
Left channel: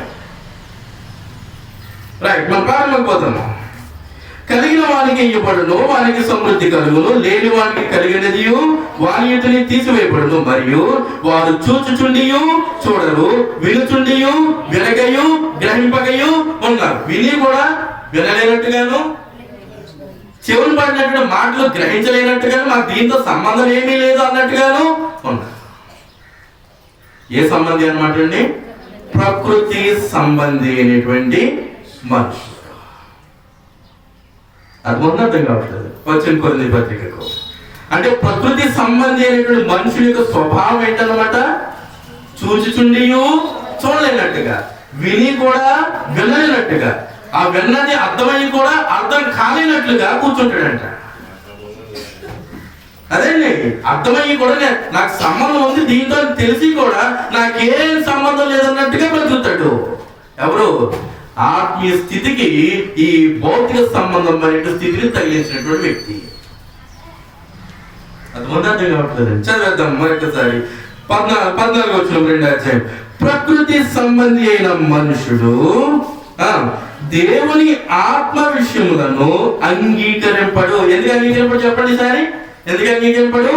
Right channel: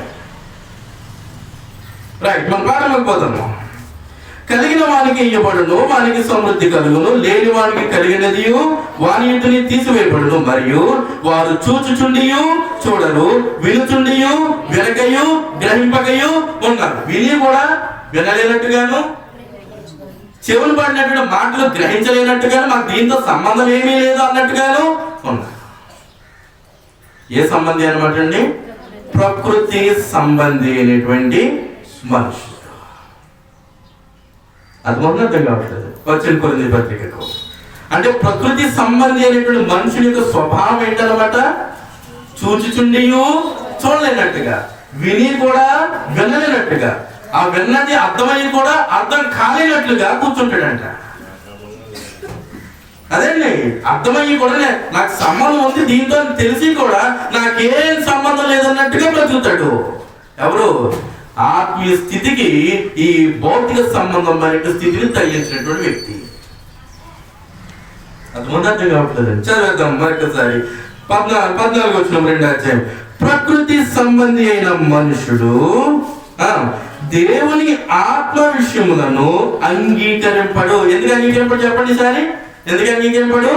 రైట్, మన ప్రారంభమైపోతున్నాం. కలిగిన వానికి ఇవ్వబడును, వానికి సమృద్ధి కలుగును. లేని వానికి కలిగినది వాని ఇంటిని తీసివేయబడును. మరియు వారు చూచుచుండియు చూడరు, వినుచుండియు వినకయు గ్రహింపకయు ఉన్నారు. విని కూడా వినలేనట్టుగాను, చెవులు పడినటువంటి మాటలు గ్రహించలేనట్టుగాను, మాకు దీంతో సంబంధం ఏమీ లేదు అన్నట్టుగాను ఉన్నారు. ఏ సంబంధి అనమాట అండి? ప్రకృతి సంబంధి అయినటువంటి మనుషులు. అర్థం కావట్లేదు. వచ్చిన కొన్ని పత్రికకు అంటే ప్రకృతి సంబంధి అయినటువంటి మనుషుని యొక్క స్వభావం ఏంటన్నమాట? చూచుచుండియు చూడలేనట్టుగా, విని కూడా వినలేనట్టుగా, ఆ విన్నది అర్థమయ్యి కూడా అర్థం కాలేనట్లుగా కూర్చుంటాడంట. అదేండి, అర్థమయ్యి కూడా నాకు సంబంధం ఉంది దీంతో తెలిసి కూడా నాకేం సంబంధం లేదన్నట్టుగా బ్రతుకుతాడు. ఎవరు? ఆత్మీయ స్థితికి ఈ భౌతిక సంబంధమైన స్థితిని తగిలించినటువంటి వ్యక్తి. అది అర్థం కావట్లేదు. చదివేద్దాం మరొకసారి. 14 వచనం 2వ అధ్యాయం. ప్రకృతి సంబంధి అయిన మనుషుడు దేవుని ఆత్మ విషయములను అంగీకరింపడు. ఎందుకు అంగీకరింపడు చెప్పండి సారి? ఎందుకు అంగీకరింపడు?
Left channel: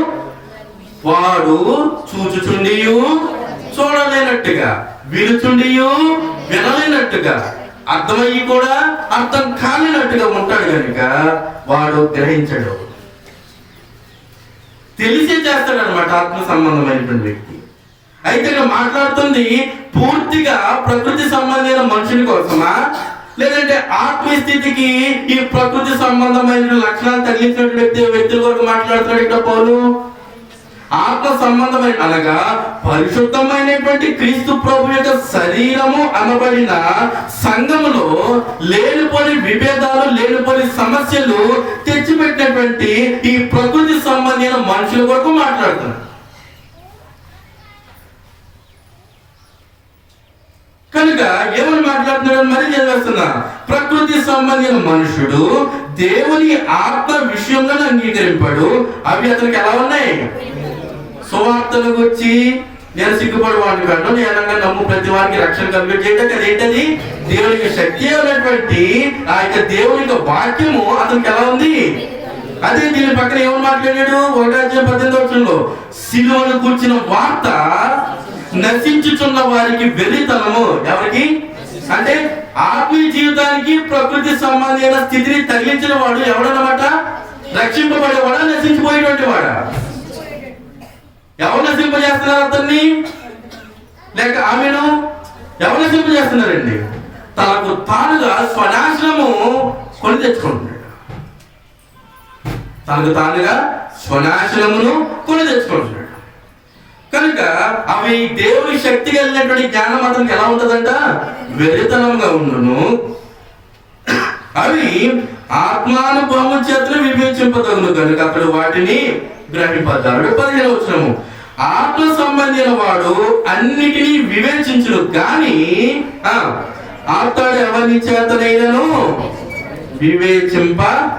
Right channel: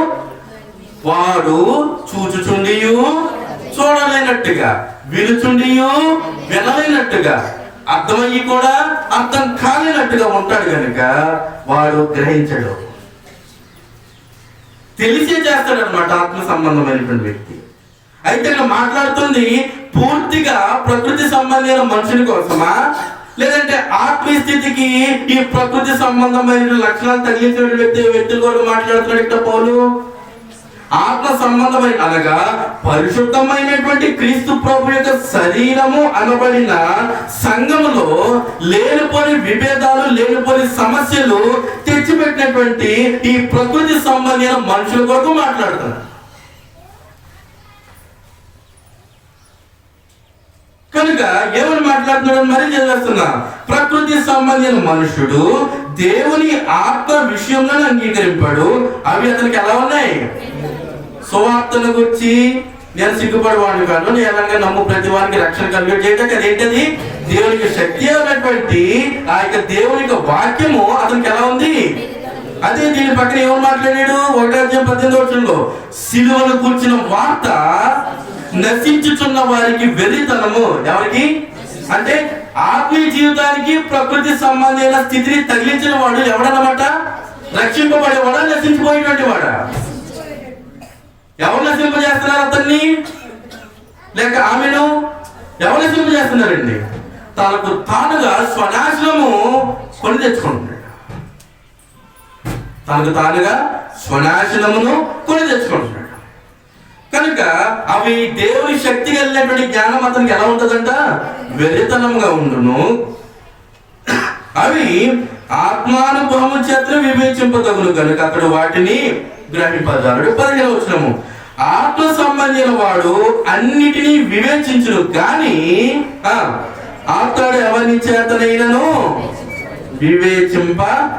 వాడు చూచుచుండియు చూడలేనట్టుగా, వినుచుండియు వినలేనట్టుగా, అర్థమయ్యి కూడా అర్థం కానినట్టుగా ఉంటాడు కనుక వాడు గ్రహించడు, తెలిసే చేస్తాడు అనమాట ఆత్మ సంబంధమైనటువంటి వ్యక్తి. అయితే ఇక్కడ మాట్లాడుతుంది పూర్తిగా ప్రకృతి సంబంధమైన మనుషుని కోసమా, లేదంటే ఆత్మీయ స్థితికి ఈ ప్రకృతి సంబంధమైన లక్షణాలు తగిలించినటువంటి వ్యక్తుల కొరకు మాట్లాడుతున్నాడు ఇక్కడ పౌలు? ఆత్మ సంబంధమైన అనగా పరిశుద్ధమైనటువంటి క్రీస్తు ప్రభు యొక్క శరీరము అనబడిన సంఘములో లేనిపోని విభేదాలు, లేనిపోని సమస్యలు తెచ్చిపెట్టినటువంటి ఈ ప్రకృతి సంబంధమైన మనుషుల కొరకు మాట్లాడుతున్నాడు. కనుక ఏమని మాట్లాడుతున్నాడు మరి చదివేస్తున్నా, ప్రకృతి సంబంధించిన మనుషుడు దేవుని ఆత్మ విషయంలో అంగీకరింపాడు. అవి అతనికి ఎలా ఉన్నాయి? సువార్తను గురించి నేను సిగ్గుపడేవాడిని కాదు, నేను ఎలాగా నమ్ము ప్రతి వారికి రక్షణ కలిగి చేయడానికి అదేంటది దేవునికి శక్తి అయినటువంటి ఆ యొక్క దేవుని యొక్క వాక్యము అతనికి ఎలా ఉంది? అదే దీని పక్కన ఏమని మాట్లాడాడు? 1:18 సిలువను కూర్చిన వార్త నశించుచున్న వారికి వెర్రితనము. ఎవరికి అంటే ఆత్మీయ జీవితానికి ప్రకృతి సంబంధమైన స్థితిని తగిలించిన వాడు ఎవడన్నమాట? రక్షింపబడేవాడా, నశించిపోయేటువంటి వాడా? ఎవరు నశింపజేస్తున్నారు అతన్ని? లేక ఆమెను ఎవరు నశింపజేస్తున్నారండి? తనకు తానుగా స్వనాశనము కొని తెచ్చుకుంటున్నాడు. తనకు తానుగా స్వనాశనమును కొని తెచ్చుకుంటున్నాడు. కనుక అవి దేవుని శక్తి కలిగినటువంటి జ్ఞానం అతనికి ఎలా ఉంటుందంట? వెర్రితనంగా ఉండును. అవి ఆత్మానుభవం చేత వివేచింపదగును కనుక అతడు వాటిని గ్రహింపజాలడు. 15 ఆత్మ సంబంధించిన వాడు అన్నిటినీ వివేచించును, కానీ అతడు ఎవరి చేతనైనను వివేచింపబడడు.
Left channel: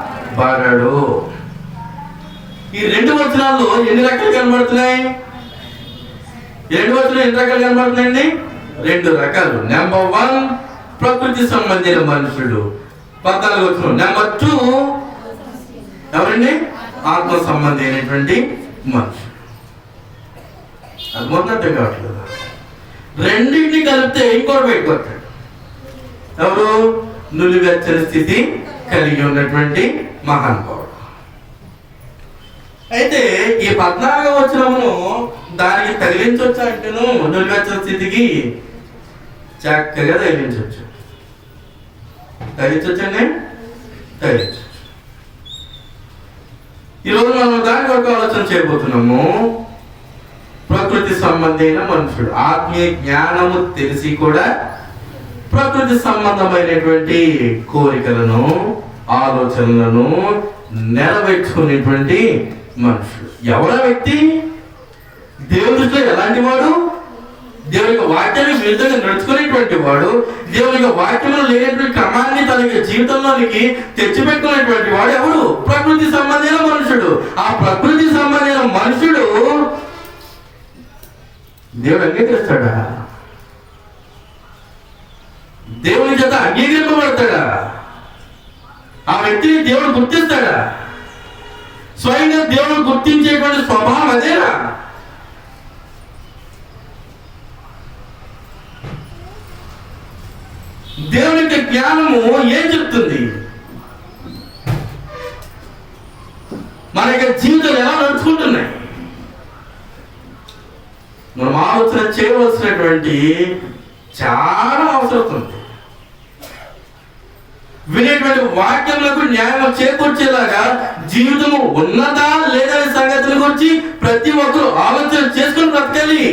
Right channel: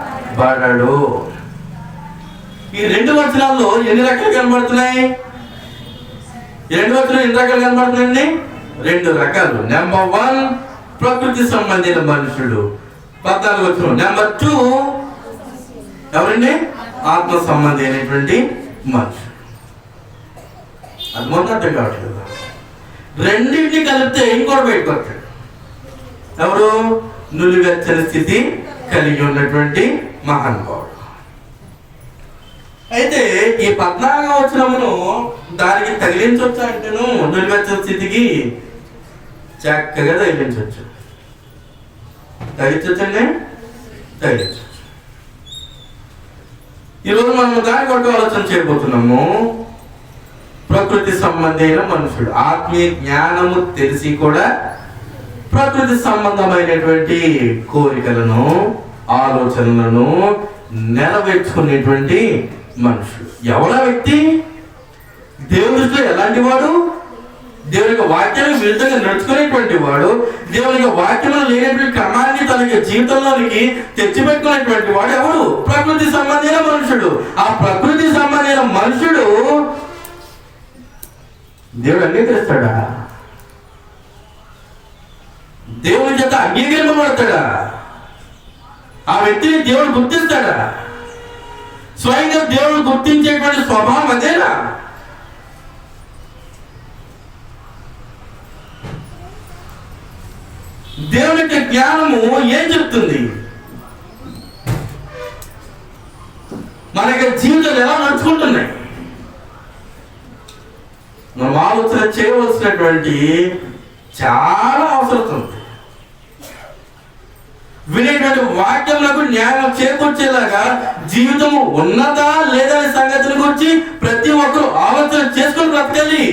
ఈ 2 వచనాల్లో ఎన్ని రకాలు కనబడుతున్నాయి? 2 వచనాలు ఎన్ని రకాలు కనబడుతున్నాయండి? 2 రకాలు. నెంబర్ 1 ప్రకృతి సంబంధించిన మనుషుడు. 14 నెంబర్ 2 ఎవరండి? ఆత్మ సంబంధి అయినటువంటి మనుషుడు. అది మొన్న అర్థం కావట్లేదు. రెండింటిని కలిపితే ఇంకోటి బయటకు వస్తాడు. ఎవరు? నులివెచ్చని స్థితి కలిగి ఉన్నటువంటి మహానుభావుడు. అయితే ఈ 14వ వచనమును దానికి తగిలించవచ్చు అంటేను నులివెచ్చని స్థితికి చక్కగా తగిలించవచ్చు. తగిలించవచ్చండి, తగిలించవచ్చు. ఈరోజు మనం దాని కొరకు ఆలోచన చేయబోతున్నాము. ప్రకృతి సంబంధమైన మనుషుడు ఆత్మీయ జ్ఞానము తెలిసి కూడా ప్రకృతి సంబంధమైనటువంటి కోరికలను, ఆలోచనలను నెరవేర్చుకునేటువంటి మనుషుడు. ఎవరా వ్యక్తి? దేవుని దృష్టిలో ఎలాంటి వాడు? దేవుని యొక్క వాక్యానికి విరుద్ధంగా నడుచుకునేటువంటి వాడు, దేవుని యొక్క వాక్యంలో లేనటువంటి క్రమాన్ని తన జీవితంలోనికి తెచ్చిపెట్టుకునేటువంటి వాడు ఎవడు? ప్రకృతి సంబంధమైన మనుషుడు. ఆ ప్రకృతి సంబంధమైన మనుషుడు దేవుడు అంగీకరిస్తాడా? దేవుని చేత అంగీకరింపబడతాడా? ఆ వ్యక్తిని దేవుడు గుర్తిస్తాడా? స్వయంగా దేవుడు గుర్తించేటువంటి స్వభావం అదేనా? దేవుని యొక్క జ్ఞానము ఏం చెప్తుంది? మన యొక్క జీవితాలు ఎలా నడుచుకుంటున్నాయి? మనం ఆలోచన చేయవలసినటువంటి చాలా అవసరం ఉంది. వినేటువంటి వాక్యములకు న్యాయం చేకూర్చేలాగా జీవితము ఉన్నదా లేదా అనే సంగతిని గురించి ప్రతి ఒక్కరు ఆలోచన చేసుకుని బ్రతకాలి.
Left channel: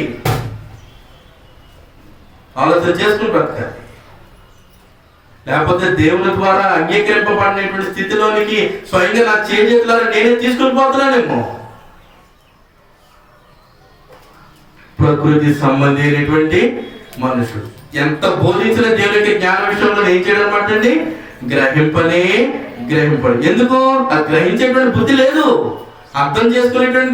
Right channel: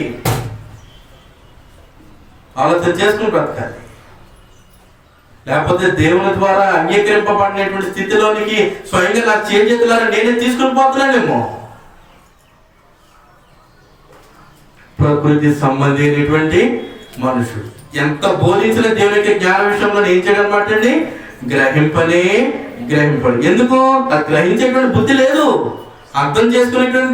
ఆలోచన చేసుకుని బ్రతకాలి. లేకపోతే దేవుని ద్వారా అంగీకరింపబడినటువంటి స్థితిలోనికి స్వయంగా నా చేతులారా నేనే తీసుకుని పోతున్నానేమో. ప్రకృతి సంబంధమైనటువంటి మనుషుడు ఎంత బోధించిన దేవునికి జ్ఞాన విషయంలో ఏం చేయడం అనమాట అండి? గ్రహింపడు. ఎందుకు? అది గ్రహించేటువంటి బుద్ధి లేదు. అర్థం చేసుకునేటువంటి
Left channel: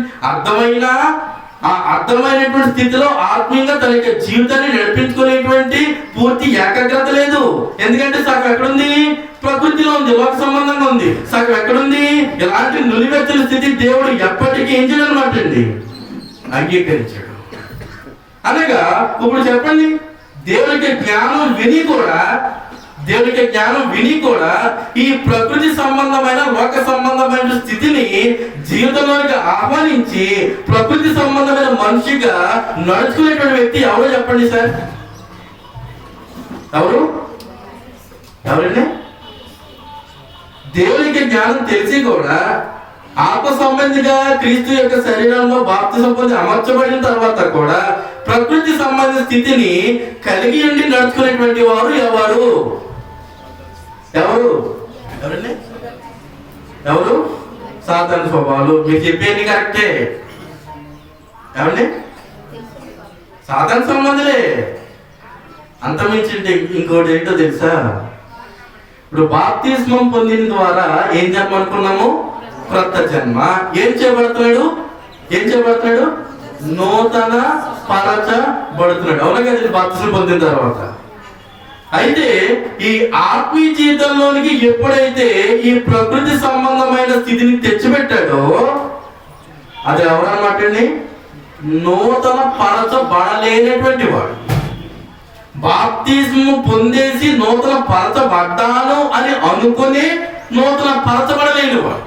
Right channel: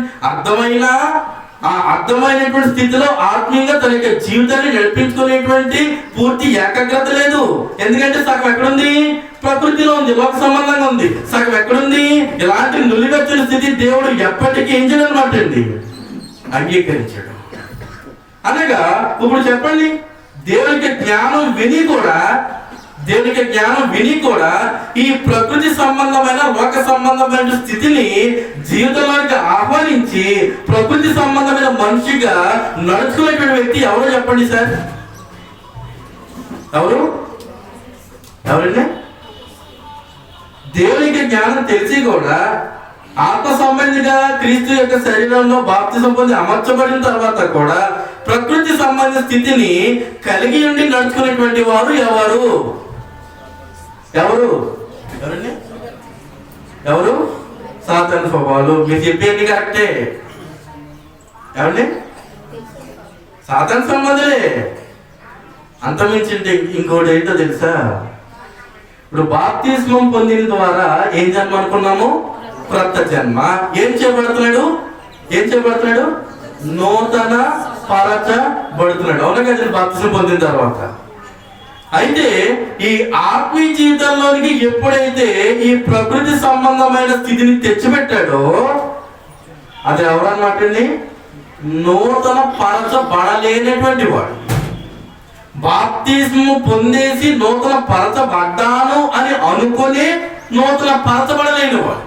అర్థమైనటువంటి స్థితిలో ఆత్మీయంగా తన యొక్క జీవితాన్ని నడిపించుకునేటువంటి పూర్తి ఏకాగ్రత లేదు. ఎందుకంటే సగం ఎక్కడుంది? ప్రకృతిలో ఉంది, లోక సంబంధంగా ఉంది. సగం ఎక్కడుంది? ఇలాంటి నులివెచ్చని స్థితి దేవుడు ఎప్పటికీ ఏం చేయడం అనమాట అండి? అంగీకరించాడు. అనగా ఇప్పుడు చెప్పండి, దేవునికి జ్ఞానం విని కూడా దేవునికి జ్ఞానం విని కూడా ఈ ప్రకృతి సంబంధమైన లోక సంబంధమైన స్థితిని జీవితంలోకి ఆహ్వానించి ప్రకృతి సంబంధమైన మనిషిగా నడుచుకునేటువంటి వ్యక్తి ఎవరో చెప్పండి సార్? ఎవరండి? దేవునికి జ్ఞానం తెలిసి కూడా ఆత్మ సంబంధిగా క్రీస్తు యొక్క శరీరంలో బాప్తిసం పొంది అమర్చబడిన తర్వాత కూడా ప్రకృతి సంబంధ స్థితిని కలిగి ఉండి నడుచుకునేటువంటి వారు ఎవరండి? సాతాను స్వభావాలు. మీరు చెప్పేది కరెక్టే. ఎవరండి? సాతాను సంబంధులే. అంతమించి ఇంకోటి ఏంటో తెలుసా? ఇప్పుడు బాప్తిస్మం పొందిన ద్వారా ఏం జన్మ అనుకున్నాము? క్రొత్త జన్మ. ఏం చేయబడుతున్నాడు? నూతన పరచబడుతున్నాడు. అవునా కదండి? బాప్తిస్మం పొందిన తర్వాత. అయితే ఈ ఆత్మీయ జీవితంలోనికి ఎప్పుడైతే ఈ ప్రకృతి సంబంధమైన స్థితిని తెచ్చిపెట్టాడో అది ఎవరన్నమాట అండి? నూతన పరచబడలేనటువంటి వాడు. బాప్తిస్మం పొందేసి నూతన పరచబడ్డాను అని అనుకుని నూతన పరచబడలేనివాడు.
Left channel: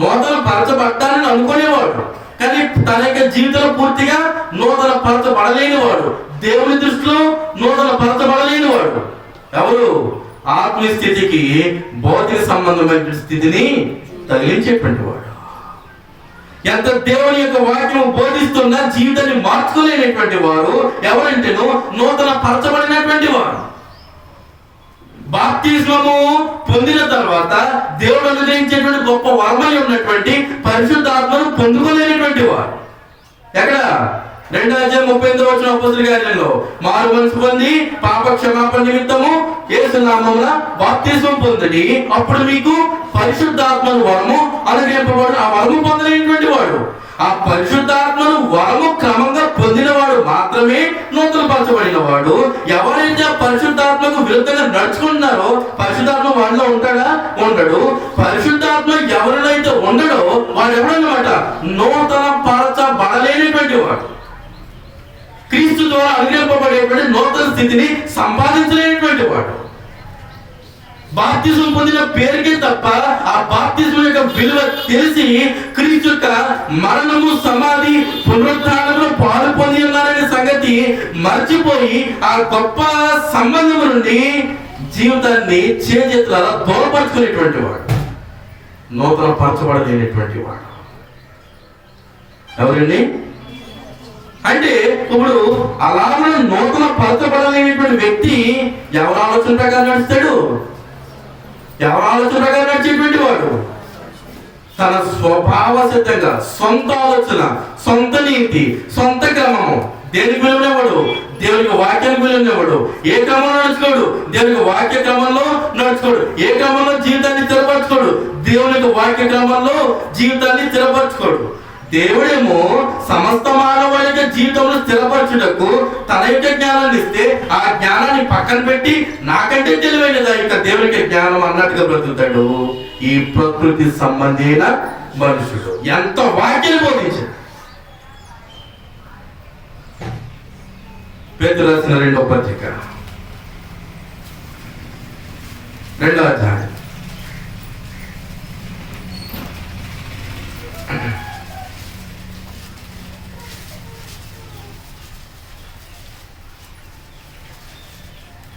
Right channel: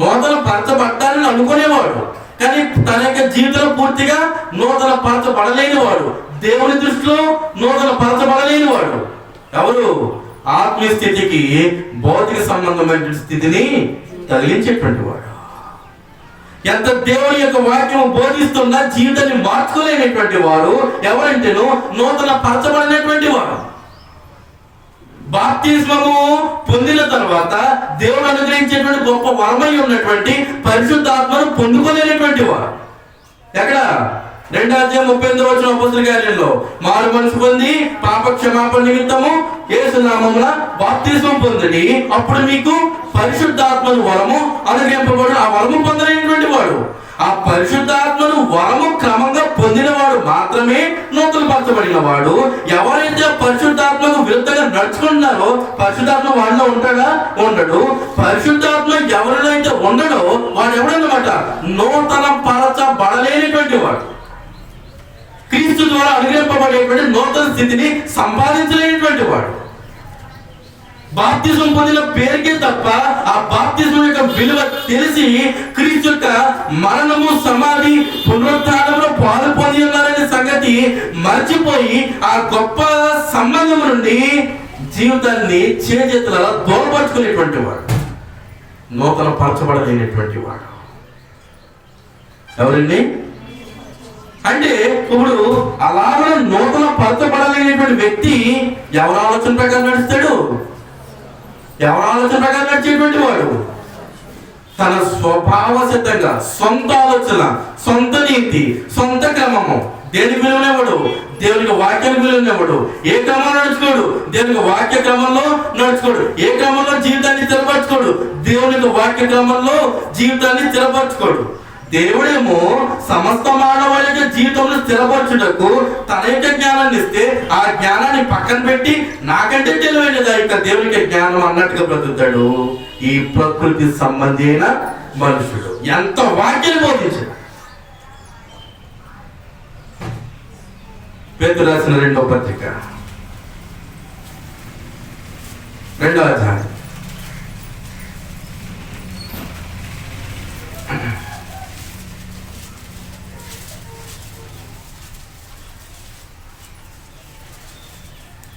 నూతన పరచబడ్డానని అనుకునేవాడు కానీ తన యొక్క జీవితంలో పూర్తిగా నూతన పరచబడలేనివాడు. దేవుని దృష్టిలో నూతన పరచబడలేనివాడు ఎవరు? ఆత్మీయ స్థితికి భౌతిక సంబంధమైన స్థితిని తగిలించేటువంటి వాడు. ఎంత దేవుని యొక్క వాక్యము బోధిస్తున్నా జీవితాన్ని మార్చుకోలేనటువంటి వారు ఎవరంటేనో నూతన పరచబడినటువంటి వారు. బాప్తిస్మము పొందిన తర్వాత దేవుడు అనుగ్రహించేటువంటి గొప్ప వరమై ఉన్నటువంటి పరిశుద్ధాత్మను పొందుకోలేనటువంటి వారు. ఎక్కడ? 2:38 అపోస్తలుల కార్యంలో మారు మనసు పొంది పాప క్షమాపణ నిమిత్తము యేసు నామమున బాప్తిస్మం పొందండి, అప్పుడు మీకు పరిశుద్ధాత్మను వరము అనుగ్రహింపబడు. ఆ వరము పొందలేనటువంటి వాడు, ఆ పరిశుద్ధాత్మను వరము క్రమంగా పొందినవాడు మాత్రమే నూతన పరచబడిన వాడు. ఎవరైతే పరిశుద్ధాత్మకు విరుద్ధంగా నడుచుకుంటున్నారో పరిశుద్ధాత్మ వాడిలో ఉంటాడా? ఉండడు. పరిశుద్ధాత్మ ఎవరినైతే ఉండడో వాడు ఎవడన్నమాట? నూతన పరచబడలేనటువంటి వాడు. క్రీస్తు ద్వారా అనుగ్రహింపబడేటువంటి నూతన స్థితిని సంపాదించలేనటువంటి వాడు. బాప్తిజం పొందిన పేరుకే తప్ప ఆ బాప్తిజం యొక్క విలువ తెలిసి క్రీస్తు యొక్క మరణము, సమాధి, పునరుత్థానంలో పాలు పొంది ఉన్నారనే సంగతి మర్చిపోయి ఆ గొప్ప సంబంధం నుండి జీవితాన్ని చేతుల దూరపరుచుకునేటువంటి వాడు, నూతన పరచబడలేనటువంటి వాడు. ఎవరండి? అంటే ఇప్పుడు అలాగే నూతన పరచబడలేనటువంటి వ్యక్తి ఎవరి ఆలోచన ప్రకారం నడుస్తాడు? ఎవరి ఆలోచన ప్రకారం నడిచేటువంటి వాడు తన స్వభావ సిద్ధంగా సొంత ఆలోచన, సొంత నీతి, సొంత క్రమము. దేనికి విలువనివ్వడు? దేవునికి వాక్యానికి విలువనివ్వడు. ఏ క్రమంలో నడుచుకోడు? దేవునికి వాక్య క్రమంలో నడుచుకోడు. ఏ క్రమంలో జీవితాన్ని స్థిరపరచుకోడు? దేవునికి వాక్య క్రమంలో జీవితాన్ని స్థిరపరచుకోడు. దేవుడేమో సమస్త మానవాళి జీవితంలో స్థిరపరచుటకు తన యొక్క జ్ఞానాన్ని ఇస్తే ఆ జ్ఞానాన్ని పక్కన పెట్టి నాకంటే తెలివైనదా ఇక దేవునికి జ్ఞానం అన్నట్టుగా బ్రతుకుతాడు ఈ ప్రకృతి సంబంధి అయిన మనుషుడు. ఎంత వాక్యాన్ని బోధించాడు. పేతురు రాసిన 2వ పత్రిక 2వ అధ్యాయం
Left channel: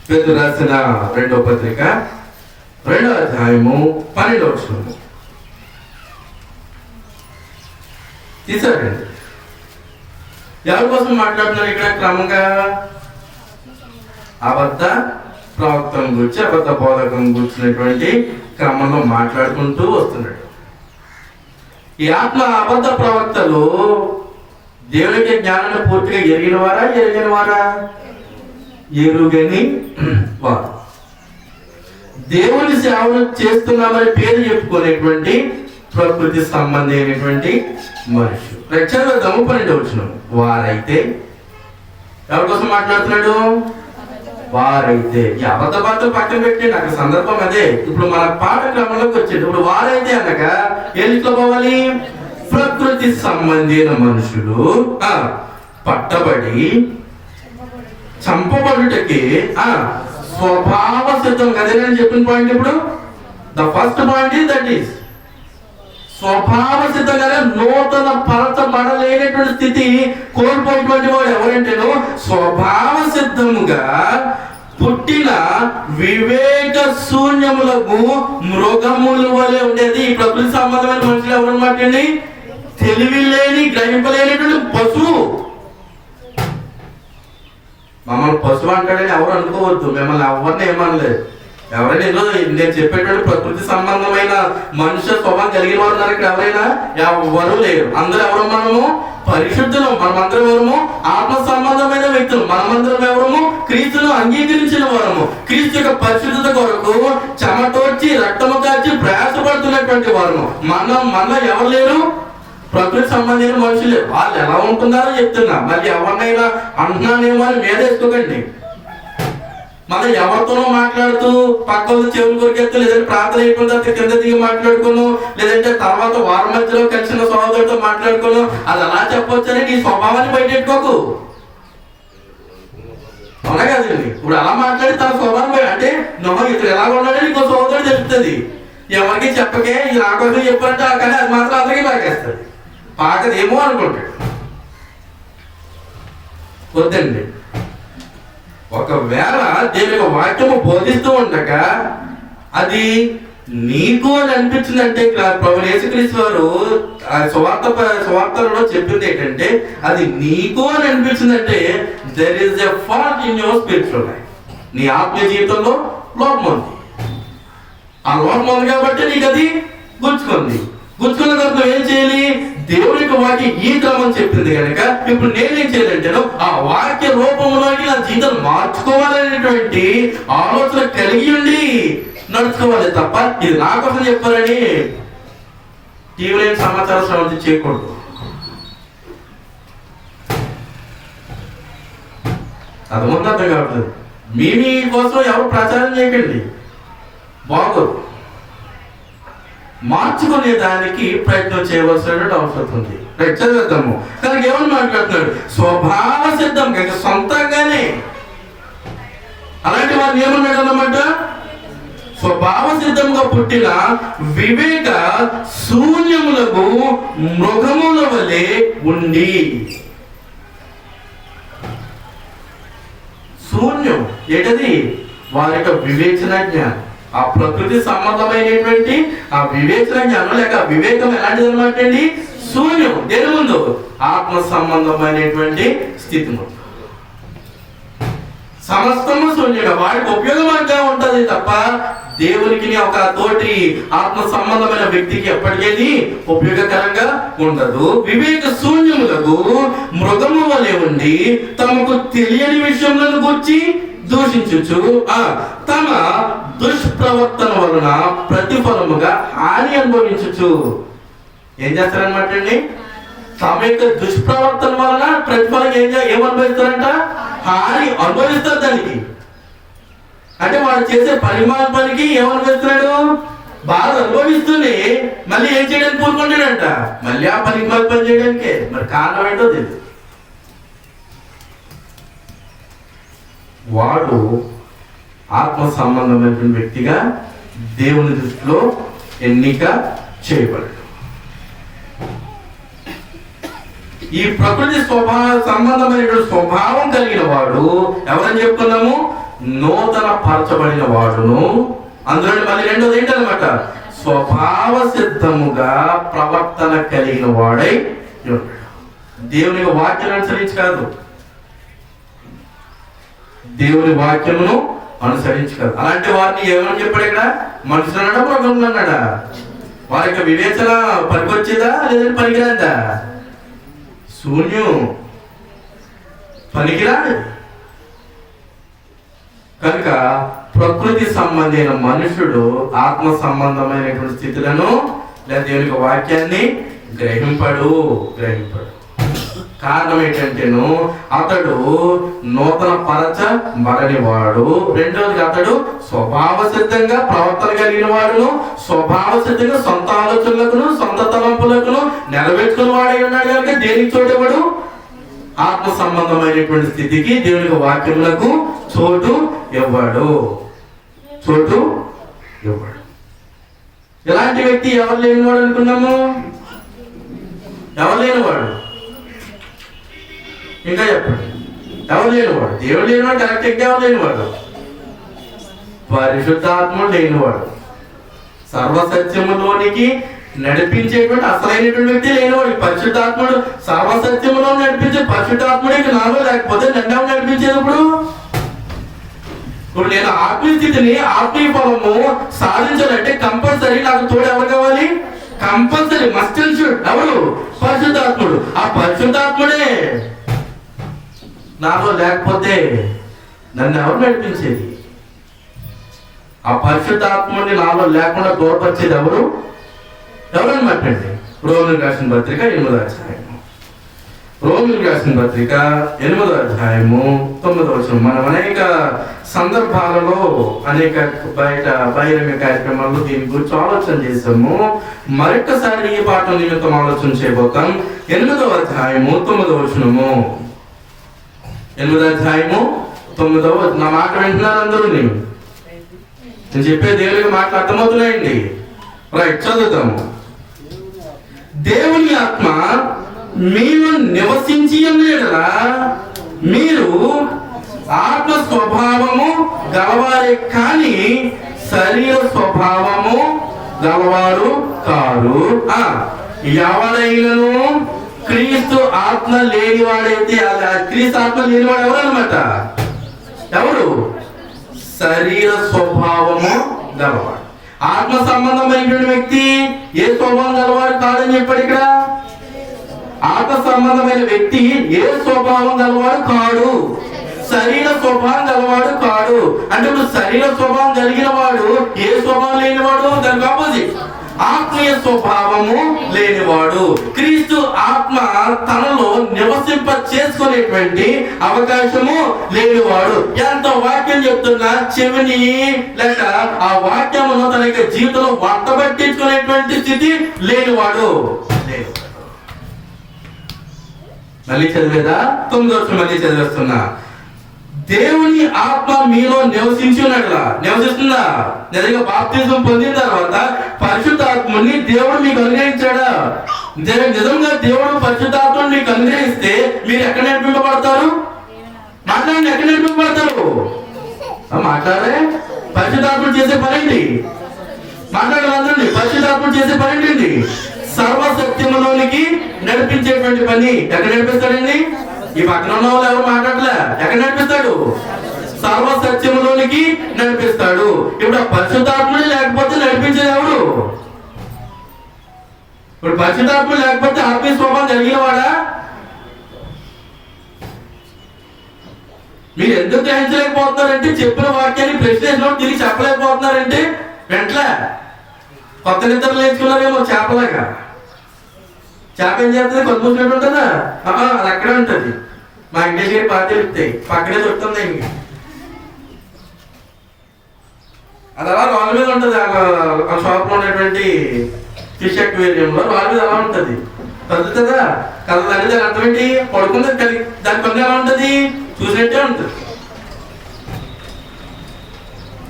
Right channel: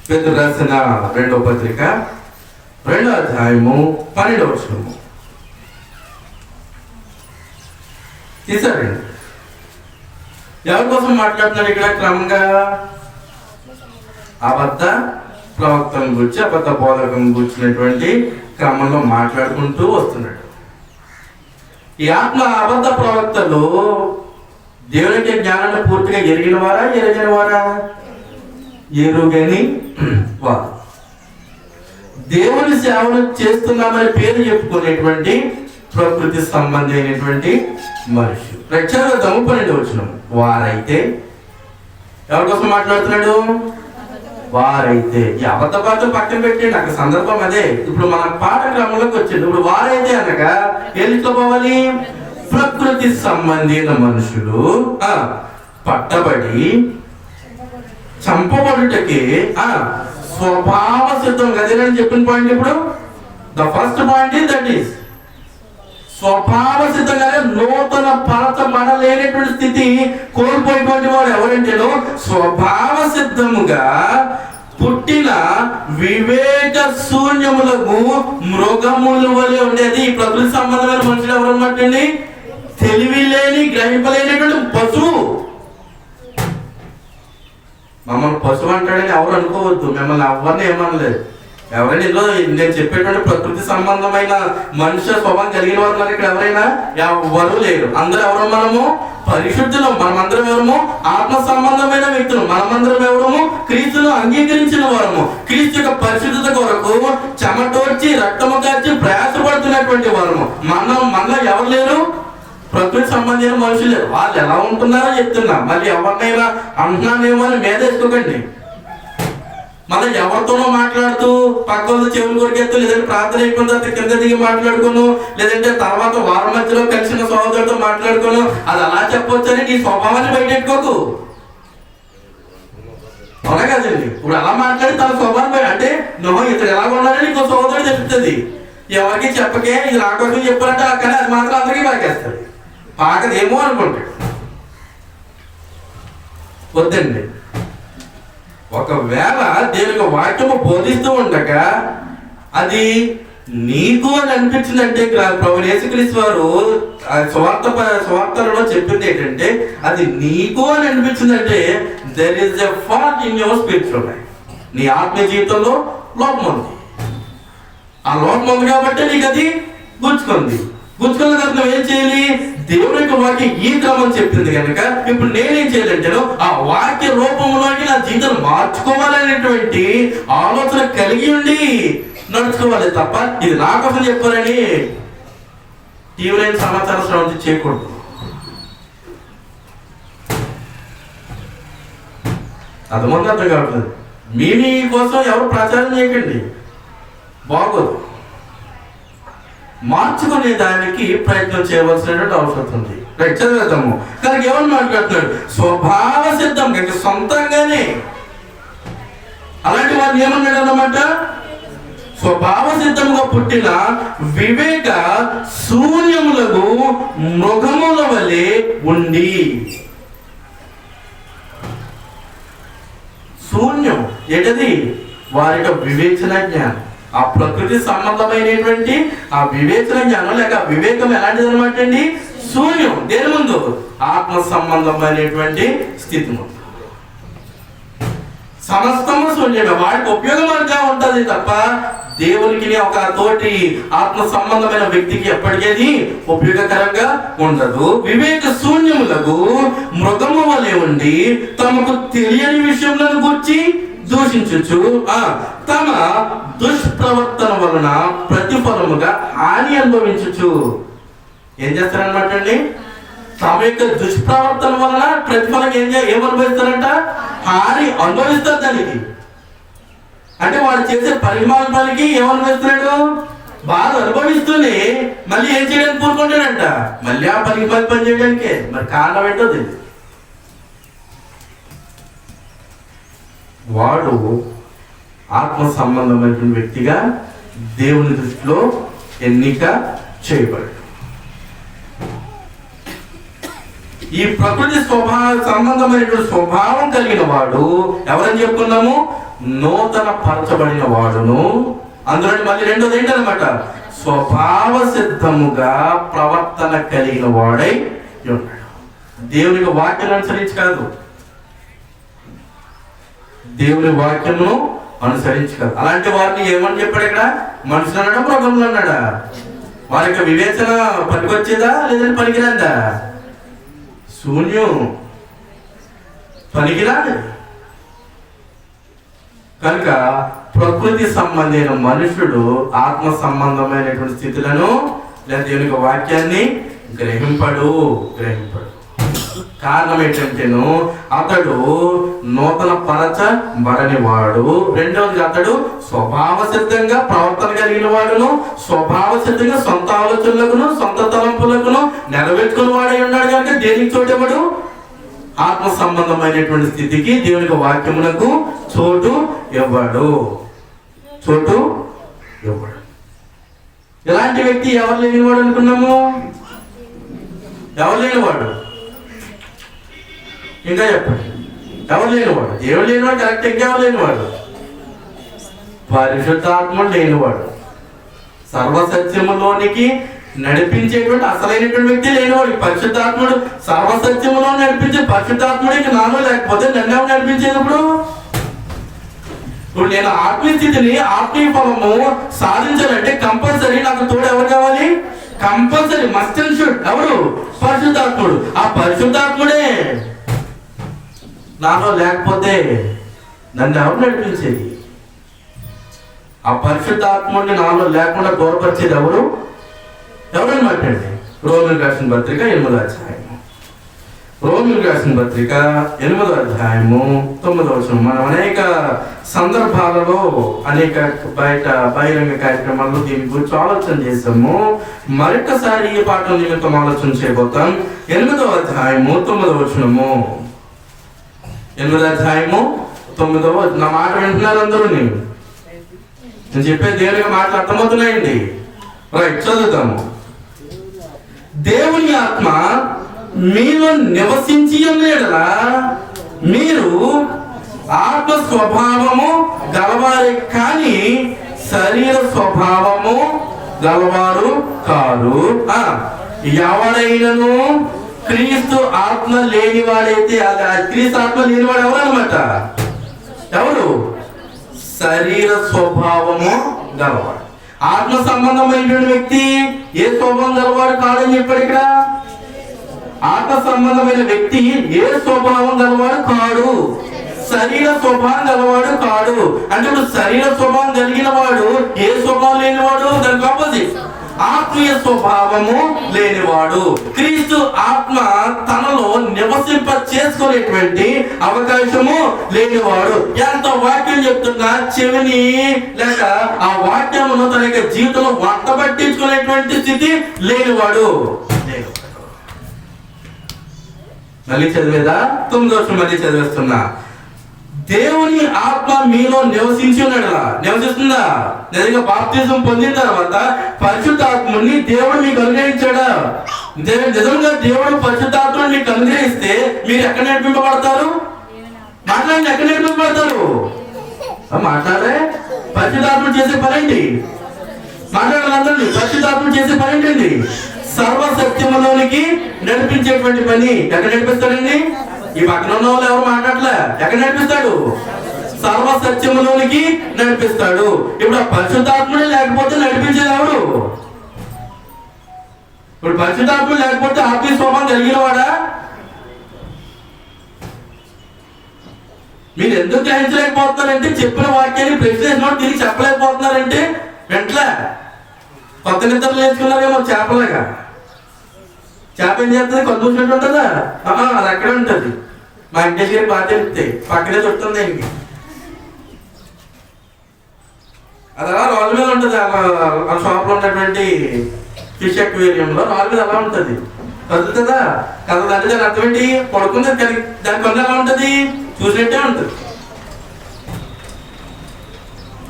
పేతురు రాసిన 2వ పత్రిక 2వ అధ్యాయము 12వ వచనము తీసారండి. ఎవరి కోసం మాట్లాడుతున్నారు ఇక్కడ? క్రమంగా అబద్ధ ప్రవక్తను గురించి, అబద్ధ బోధకం గురించినటువంటి క్రమంలో మాట్లాడుకుంటూ వస్తున్నాడు. ఈ ఆత్మ అబద్ధ ప్రవక్తలు దేవునికి జ్ఞానాన్ని పూర్తిగా ఎరిగిన వారా? ఎరుగని వారు. దేవుని సేవను చేస్తున్నామని పేరు చెప్పుకునేటువంటి ప్రకృతి సంబంధమైనటువంటి మనుషులు. రక్షణ 12వ వచనం వారైతే ఎవరి కోసం మాట్లాడుతున్నాడు? వారైతే. ఈ అబద్ధ పాత్ర పక్కన పెట్టండి, అక్కడ సందర్భం అదే. ఇప్పుడు మన పాఠ క్రమంలోకి వచ్చింది. ఇప్పుడు వారైతే అనగా ఎల్లిట్లో పోవాలి? ప్రకృతి సంబంధమైన మనుషులు పట్టబడి చంపబడుటకి స్వభావ సిద్ధం. అదే నేను చెప్పిన పాయింట్. ఇప్పుడు the first point is that is స్వభావ సిద్ధంగానే నూతన పరచబడలేనటువంటి స్థితి కోల్పోయేటువంటి వాడు ఎవరంటేనో స్వభావ సిద్ధముగా పుట్టిన వివేక శూన్యములకు మృగముల వలె ఉండేది. ప్రకృతి సంబంధమైన మనుషులు ఎవరన్నమాట అండి? తెలివి లేని, గ్రహింపలేనటువంటి పశువు. మమ్మల్ని పశువు అంటాడని ఎవరు అనుకోవద్దు. మిమ్మల్ని ఎవరిని ఏమనలేదు. ఎవరైనా ఏదో నేను చెప్పేటువంటి ప్రకృతి సంబంధమైన మనుష్య స్వభావం కలిగిన వారు ఉన్నారు ఇక్కడ? ఎవరైనా ఎవరు లేరు. అందరూ ఎవరు? మనము పరిశుద్ధులు. మనమందరం ఎవరము? ఆత్మ సంబంధమైన వ్యక్తులు. మనమందరం ఎవరము? క్రీస్తును అంగీకరించిన వారము. క్రీస్తు యొక్క పరిశుద్ధత కొరకు చెమటోర్చి రక్తము కార్చి ప్రయాసపడుతున్నటువంటి వారము. మనలో ఎవరు లేరు? ప్రకృతి సంబంధించిన మనుషులు. వాళ్ళు ఎలా ఉంటున్నారో చెప్తున్నా. మళ్ళీ ఎవరినైనా అంటున్నానేమో అని మేదేసుకోకండి. మనం ఎవరితోనో మాట్లాడుతూ పక్క చెవులు కొరికెత్తు, లేదంటే ప్రార్థన అయిపోయిన తర్వాత కింద దిగి మాట్లాడుకును, లేదంటే తర్వాత వారం మధ్యలో కలిసిన సోదరులతో మాట్లాడుకును. అది అలా చెప్పొచ్చని నీ స్వభావాన్ని బయటెట్టుకోకు. అవునా కదండి? ఇప్పుడు అలా మాట్లాడి తన స్వభావం అంటే నువ్వు ఇతడు ఎలాగ ఉన్నాడని నీకు సోదరుడు చెప్తుంది. ఎవరికి చెప్పకే ఇది నా కోసం చెప్పారంట, కానీ అది మాత్రం అందరికీ పాకేస్తుంది. పాకదేమో అనుకుంటాడు. వద్దండి. ఒకవేళ దేవుని వాక్యము బోధిస్తూ ఉండగా అది నీకు అని అనిపించిందంటే, ప్రభువు యేసుక్రీస్తు వారు సువార్తలో చెప్పింది ఏంటంటే, అది నీకు అని అనిపించిందంటే there is a fault in your spiritual life. నీ ఆత్మీయ జీవితంలో లోపం ఉంది. ఆ లోపం ఉంది కాబట్టి నీకు అది గుంజుకుంది. గుంజుకున్న తర్వాత నువ్వు ఏం చేయాలి? దేవుని యొక్క వాక్యం ఈ క్రమం చెప్పింది కనుక ఇప్పుడు నేనేం చేయాలంటాను? ఆ వాక్య రూపంలోకి నా జీవితం మార్చుకోవాలనేటువంటి ఆలోచన కలిగి ఉండి నడుచుకోవాలి తప్ప ఇది నా కోసం చెప్పారని టీవీ సమాచార శ్రవంతి చేయకూడదు. అర్థమంతా అర్థం కావట్లేదు. మీ కోసం ఎవరు ప్రచారం చేయకండి, బాగోదు. మార్చుకునే దానికి ప్రయత్నం చేయవలసినటువంటి అవసరం ఉంది. చదివేద్దాము. కనుక ఏమని మాట్లాడుతున్నాడు? స్వభావ సిద్ధం, సొంతంగానే. అలాంటి వారిని ఏమన్నాడు అన్నమాట? స్వభావ సిద్ధముగా పుట్టిన వివేక శూన్యములకు మృగముల వలె ఉండి. శూన్యం ఏంటది? వారి యొక్క వివేచన జ్ఞానం, ఆ ప్రకృతి సంబంధమైనటువంటి ఆ వివేచన జ్ఞానం లేక వివేకం ఎలాంటిది అనమాట అండి? శూన్యం. దేని ముందు? ఆత్మ సంబంధమైనటువంటి స్థితి ముందు సమస్తము శూన్యంగా వాడికి ఉపయోగంగా ఉంటుంది తప్ప దేవునికి ఒక తోటి ఆత్మ సంబంధమైన వ్యక్తికి ఎప్పటికీ ఉపయోగకరంగా ఉండదు. వివేక శూన్యములకు మృగము వలె ఉండి తమకు తెలియని విషయములను గురించి దూషించు తమ దుష్ప్రవర్తన వలన ప్రతిఫలముగా హాని అనుభవించు. ఏం చేస్తారనమాట అండి? తమ యొక్క దుష్ప్రవర్తన వలన ప్రతిఫలం ఏమనుభవిస్తారంట? హాని అనుభవిస్తారు. దానికి అంటే వాడు చేసే పరిమాణ పనికి ఏమనుభవిస్తున్నాడు? బాధ అనుభవిస్తూనే మళ్ళీ ఏం చేయడానికి కోరుకుంటాడంట? మళ్ళీ ఆ పని చేయడానికే. మరి కారణం ఏంటో తెలియదు. వాడు ఆత్మ సంబంధమైనటువంటి వ్యక్తిగా దేవుని దృష్టిలో ఎన్నిక చేయబడ్డాడు. ఈ ప్రకృతి సంబంధమైనటువంటి స్వభావం కలిగిన వాడు ఎవరని చెప్పుకున్నాము? నూతన పరచబడిన వాడును. అందులో మళ్ళీ రెండోది ఏంటనమాట? స్వభావ సిద్ధముగా ప్రవర్తన కలిగిన వాడై ఉన్నాడు. దేవుని వాక్యాన్ని అనుసరించి కాదు, దేవుని వాక్యమును అనుసరించగలరు. అలాంటి వారిని ఏమని చెప్పాడు ఇక్కడ? మనుషులు అన్నాడా, మృగములు అన్నాడా? వారి యొక్క వివేచన పనికొచ్చేదా లేదంటే పనికిరాందా? శూన్యం, పనికిరాదు. కనుక ప్రకృతి సంబంధమైన మనుషుడు ఆత్మ సంబంధమైనటువంటి స్థితులను లేదా దేవుని యొక్క వాక్యాన్ని గ్రహింపడు. కారణం ఏంటంటేను అతడు నూతన పరచబడని వాడు. రెండవది అతడు స్వభావ సిద్ధంగా ప్రవర్తన కలిగిన వాడును, స్వభావ సిద్ధంగా సొంత ఆలోచనలకును సొంత తలంపులకును నెరవేర్చుకుని వాడై ఉన్నాడు కనుక దేనికి చోటేవాడు? ఆత్మ సంబంధమైనటువంటి స్థితికి దేవునికి వాక్యములకు చోటు ఇవ్వడు. ఇలాంటి వ్యక్తి ఎవరు లేనివాడు అనుకున్నాము? ఎవరు లేనివాడు? ఇంకా చెప్పండి, ఎవరు లేనివాడు? దేవుడు లేనివాడు. కరెక్ట్. ఎవరు లేనివాడు? పరిశుద్ధాత్ముడు లేనివాడు. సర్వసత్యములోనికి నడిపించేటువంటి అసలైనటువంటి వ్యక్తి లేనివాడు. పరిశుద్ధాత్ముడు సర్వసత్యములో నడిపించే పరిశుద్ధాత్ముడు ఇంక నాలో లేకపోతే నన్ను నడిపించేటప్పుడు ఇప్పుడు నేను ఆత్మీయ స్థితిని, ఆత్మీయ ఫలము సాధించాలంటే కంపల్సరీ నాకు తోడు ఎవరు కావాలి? Compulsory must and should. ఎవరు? పరిశుద్ధాత్ముడు. ఆ పరిశుద్ధాత్ముడే నాలో లేకపోతే నన్ను ఎవరు నడిపించేది? ఆ పరిశుద్ధాత్ముడిని నాలో లేకుండా దూరపరిచేది ఎవరన్నమాట అండి? రోమిలకు రాసిన పత్రిక 8వ అధ్యాయం. రోమిలకు రాసిన పత్రిక 8వ అధ్యాయము 9వ వచనం. మనం అనేక సందర్భాలలో అనేక బహిరంగ కార్యక్రమాల్లో దీని గురించి ఆలోచన చేసాము. మరొకసారి ఈ పాఠం నిమిత్తం ఆలోచన చేయబోతాం. 8వ అధ్యాయము 9వ వచనము. 8వ అధ్యాయము 9వ వచనం. నా మాట వింటున్నారు అందరూ? నేను చెప్పే దేవునికి మాటలు అర్థమవుతున్నాయండి. రైట్, చదువుతాము. దేవుని ఆత్మ మీలో నివసించి ఉండేలా మీరు ఆత్మ స్వభావము గలవారే కానీ శరీర స్వభావము గలవారు కాదు. ఎవడైనను క్రీస్తు ఆత్మ లేనివాడైతే, క్రీస్తు ఆత్మ లేనివాడు ఎవరు అన్నమాట? ఎవరు? శరీర స్వభావము గలవాడు. ఆత్మ సంబంధమైనటువంటి వ్యక్తి ఏ స్వభావం గలవాడు కాదని చెప్పాడు ఇక్కడ. ఆత్మ సంబంధమైన వ్యక్తి ఏ స్వభావం గలవాడు కాడు, శరీర స్వభావం గలవాడు కాడు. అంటే ఇప్పుడు శరీర స్వభావం కలిగిన వాడు ఏ స్వభావం లేనివాడు? దానికి ఆపోజిట్, ఆత్మీయ స్వభావము లేనివాడు. క్రీస్తు ఆత్మ తనలో నివసింప చేసుకునేటువంటి అవకాశము లేనివాడు. ఎంత వాక్యం చెప్తున్నా చెవిని లేక ఆ వాక్యమును తన యొక్క జీవితంలో వట్టబట్టించుకునేటువంటి స్థితి లేనివాడు. మళ్ళీ చదివేదా? 9వ వచనం మళ్ళీ చదివేస్తున్నా. దేవుని ఆత్మ మీలో నివసించున్నట్లా. నివసిస్తుందా? నిజంగా బాప్తిజం పొందిన తర్వాత పరిశుద్ధాత్ముని దేవుడు మీకు అనుగ్రహించాడా? నిజంగా దేవుడు పరిశుద్ధాత్మని మీకు అనుగ్రహిస్తే మీరు ఎక్కడ నడిపింపబడతారు? మాట్లాడండి, ఎక్కడ నడిపింపబడతారు? మాట్లాడే పరిశుద్ధాత్ముడు చేసే పనండి. మాట్లాడాలందరండి. పరిశుద్ధాత్ముడు చేసే పనేంటండి? సర్వసత్యములోనికి నడిపించేటువంటి పని. ఎక్కడ నడిపిస్తాడండి? ఈ పక్కన ఉన్న వాళ్ళు ఎవరు మాట్లాడలే. ఎక్కడ నడిపిస్తాడు? సర్వసత్యములోనికి నడిపిస్తాడు. ఇప్పుడు ఆ పరిశుద్ధాత్ముడు లేకపోతే నడిపించేది ఎవడు? ఇప్పుడు పరిశుద్ధాత్ముడు లేకపోతే ఆత్మీయ స్వభావం కలిగిన వాడా? మీరు ఎందుకు గ్రహించలేకపోతున్నారంటే చెప్పిన వాక్యాన్ని ప్రశ్న తిరిగి చెప్పలేకపోతున్నారంటే వెంటనే కొత్త నిద్రలు నేర్చుకున్నారేమో. చేపలేక చేప ఏం చేస్తుంది? కొద్దిసేపు ఉంటుందా? అది అక్కడే ఉంటుంది. మా వెంకటేష్ గారి బాగా తెలుస్తాయి, పక్కనే దొరుకుతుంది ఆయనకి. అది అలా రాళ్ళ మీద ఉంటుంది. ఆ షాప్లో ఉన్నటువంటి ఫిష్ అక్వేరియంలో రాళ్ళ మీద అలా ఉంటుంది. కదులుతుందా? కదలంటే దాని అర్థం ఏంటి? పడుకుంది. దాని పని ఎలా ఉంటుంది? చూసినట్టే ఉంటుంది.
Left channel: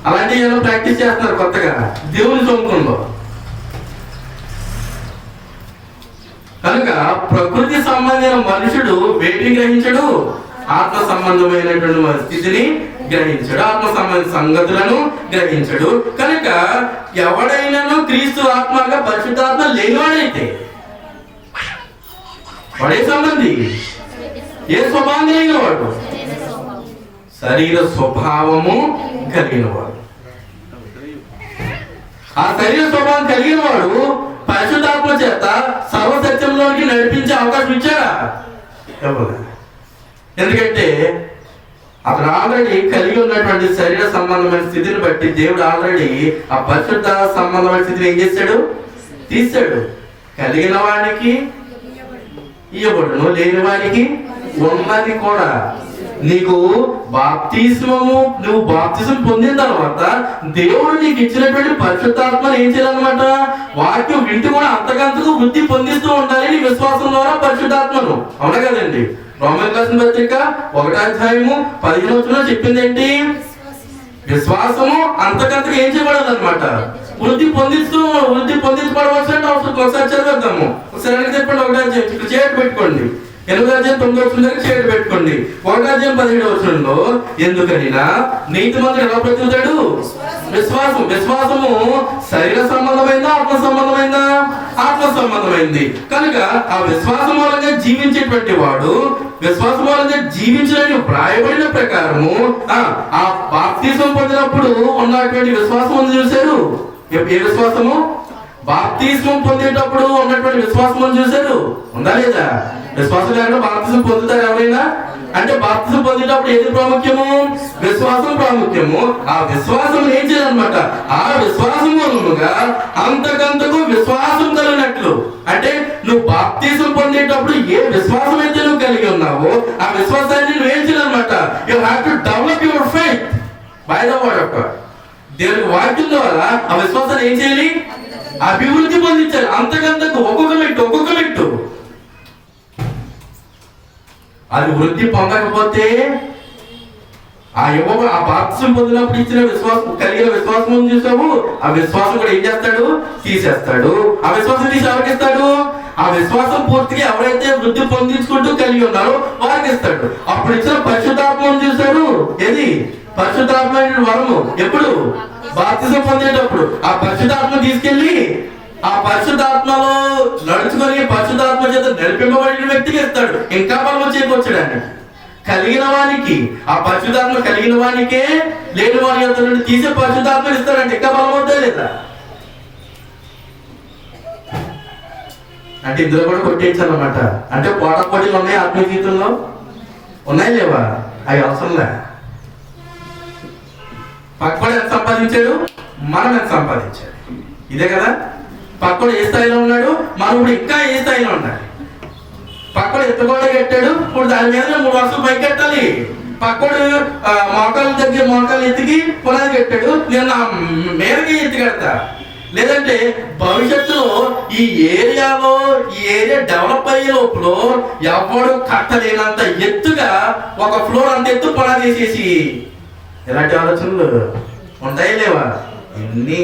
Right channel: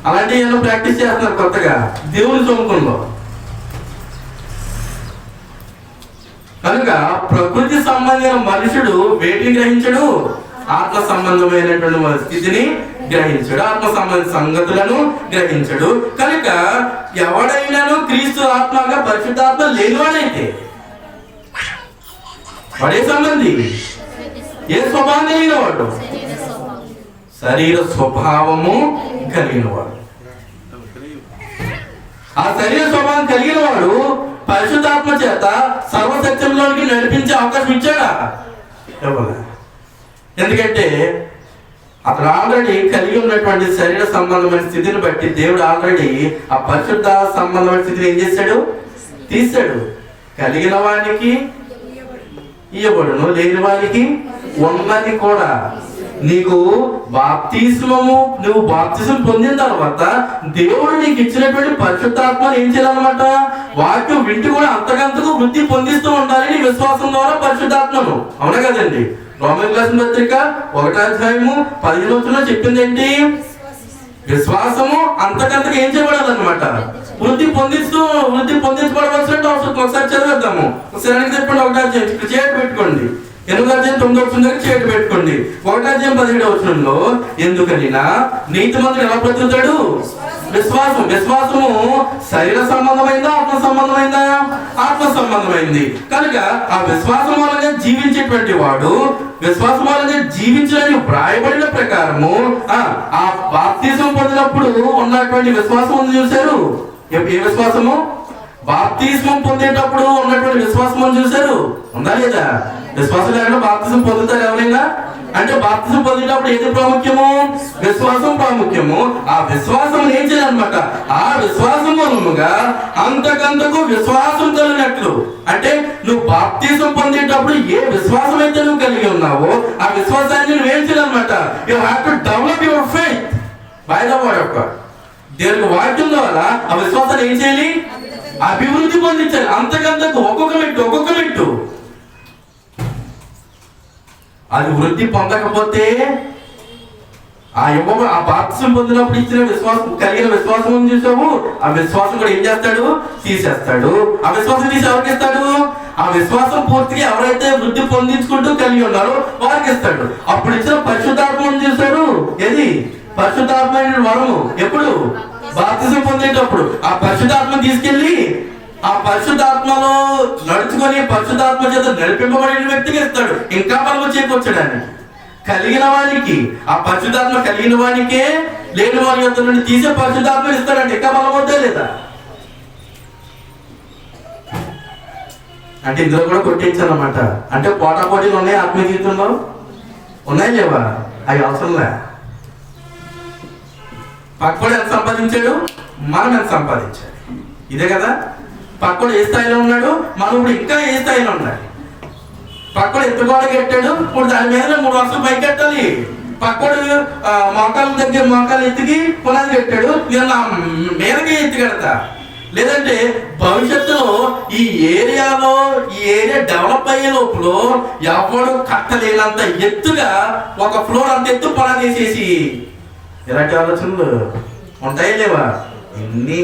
అలాంటివి ఏమైనా ప్రాక్టీస్ చేస్తున్నారు కొత్తగా దేవుని సొమ్ముకుంలో. కనుక ప్రకృతి సంబంధమైన మనుషుడు వేటిని గ్రహించడు? ఆత్మ సంబంధమైనటువంటి స్థితిని గ్రహించడు, ఆత్మ సంబంధ సంగతులను గ్రహించడు. కనుక ఎవడైనాను క్రీస్తు ఆత్మగా పరిశుద్ధాత్మ లేనివాడైతే వాడే సంబంధి. ఏ స్వభావం కలిగినవాడు? శరీర స్వభావము కలిగినవాడు. ఆ శరీర స్వభావం కలిగిన వాడు పరిశుద్ధాత్మ చేత సర్వసత్యంలోనికి నడిపించే అవకాశం ఇచ్చాడా? ఎందుకంటే అతను ఆల్రెడీ కలిగి ఉన్నటువంటి శరీర సంబంధమైన స్థితిని బట్టి దేవుడు ఆల్రెడీ ఆ పరిశుద్ధ సంబంధమైన స్థితిని ఏం చేశాడు? తీశాడు. కలిగిన వాడికి ఇవ్వబడును, లేని వాడికి ఉన్నది కూడా. నీకు బాప్తిస్మము, నువ్వు బాప్తిజం పొందిన తర్వాత దేవుడు నీకు ఇచ్చినటువంటి పరిశుద్ధాత్మను ఏం చేయాలన్నమాట? వాక్యం వింటూ కూడా అంతకంతకు వృద్ధి పొందిస్తూ ఉండాలి నీ విశ్వాసం ద్వారా పరిశుద్ధాత్మను. అవునా కదండి? రోమన్ రాసిన పత్రిక 1:15 చెప్పింది ఏంటి? విశ్వాసము అంతకంతకు ఏం చేయబడాలన్నమాట? వృద్ధి పొందించబడవలసిన అవసరం. ఒకసారి చదివేద్దాము. ఒకసారి చెప్పండి. 1 చేయట పెట్టుకోండి. 8:9 చేయట పెట్టుకోండి. 1:17 ఎందుకనినా నీతిమంతుడు ఎలా బ్రతుకుతాడు? విశ్వాసము శరీర సంబంధమైందా, ఆత్మ సంబంధమైందా? ఆత్మ సంబంధమైంది. కనుక ఆ విశ్వాసం మూలంగా జీవించేటువంటి వాడు విశ్వాసం మూలంగా జీవించడానికి వ్రాయబడిన ప్రకారము ఆ బాప్తిజం పొందినప్పుడు ఉన్నటువంటి విశ్వాసం ఉంది. చూశారు? ఏ విశ్వాసము? బాప్తిజం పొందేటప్పుడు ఉన్నటువంటి విశ్వాసం చూశారు? ఉందా లేదా? విశ్వాసం లేకుండా బాప్తిజం పొందుతారు ఎవరైనా? అంటే బాప్తిజం పొందేటప్పుడు ఏది ప్రాముఖ్యము? విశ్వాసం ప్రాముఖ్యము. ఆ విశ్వాసం ఏం చేయాలన్నమాట? ఆ విశ్వాసం మూలముగా అంతకంతకు విశ్వాసం కలిగినట్లు. అంటే నువ్వు బాప్తిజం పొందేటప్పుడు ఏ విశ్వాసం అయితే నువ్వు కలిగి ఉన్నావో ఆ విశ్వాసాన్ని నువ్వు ఏం చేయాలన్నమాట? You have to develop your faith by the word of God. దేవుని వాక్యం ద్వారా ఆ విశ్వాసాన్ని ఏం చేయాలి? అభివృద్ధి పొందించాలి. అంతకంతకు ఒక్కొక్క మెట్టు. అది వృద్ధి పొందకపోతే ఆ బాప్తిజం పొందినప్పుడు ఇచ్చిన విశ్వాసం, కలిగిన విశ్వాసం చూసావు, ఆ విశ్వాసం కూడా ఏం చేస్తాడు? తీసేస్తాడు. ఆ విశ్వాసం తీసి ఎవరికి ఇస్తాడు? ఆ విశ్వాసం పూర్తిగా ఎవరైతే వృద్ధి పొందించుకుంటూ కలిగి ఉన్నారో వారికి ఇస్తాడు. అప్పుడు ఇచ్చిన పరిశుద్ధాత్మను చూశాడు. ఏది? పరిశుద్ధాత్మ వరము ఎప్పుడు? బాప్తిజం పొందేటప్పుడు. ఆ పరిశుద్ధాత్మ తీసుకెళ్లి ఆ పరిశుద్ధాత్మలో నడుచుకొని పరిశుద్ధాత్మ చేత నడిపింపబడిన వ్యక్తికి ఇస్తాడు. ఇంకా బలము చేకూర్చడాన్ని కలిగిన వానికి, ఆ పరిశుద్ధాత్మ కలిగిన వానికే లేని వారి యొక్క నుండి తీసే పరిశుద్ధాత్మ ఇస్తాడంటే ఇంకా బలం అవుతా లేదా? అంటే ఇందులో కూడా కొట్టించాలన్నమాట. అంటే పోటీలు ఉన్నాయి ఆత్మీయ జీవితంలో, ఉన్నాయి లేవా? అవి అవసరంలే. పక్కడు ఎంత సంపాదించాడు, మనం ఎంత సంపాదించాలి, ఇదే కదా. పక్కడు ఏ స్థాయిలో ఉన్నాడు, మనం ఇప్పుడు ఇంకా ఏ స్థాయిలో ఉండాలి. పక్కడు ఎత్తుగోడ కట్టాడు, ఇప్పుడు దాని మీద 3 వర్షాలు పైకి కట్టాలి. పక్కడు మోకాలు ఎత్తికి పునాది కట్టాడు, నేను నా మీదకి ఎత్తి కడతా. లేదంటే భవిష్యత్తులో ఈ ఏరియా డెవలప్ అయ్యే లోపల ఎవడు కట్టలేనంత ఎత్తుగా ఒక ఫ్లోర్ అంత ఎత్తు పునాది వేసేసి, ఇలాంటి ఆలోచనలు ఉంటాయి లేవా? ఇన్ని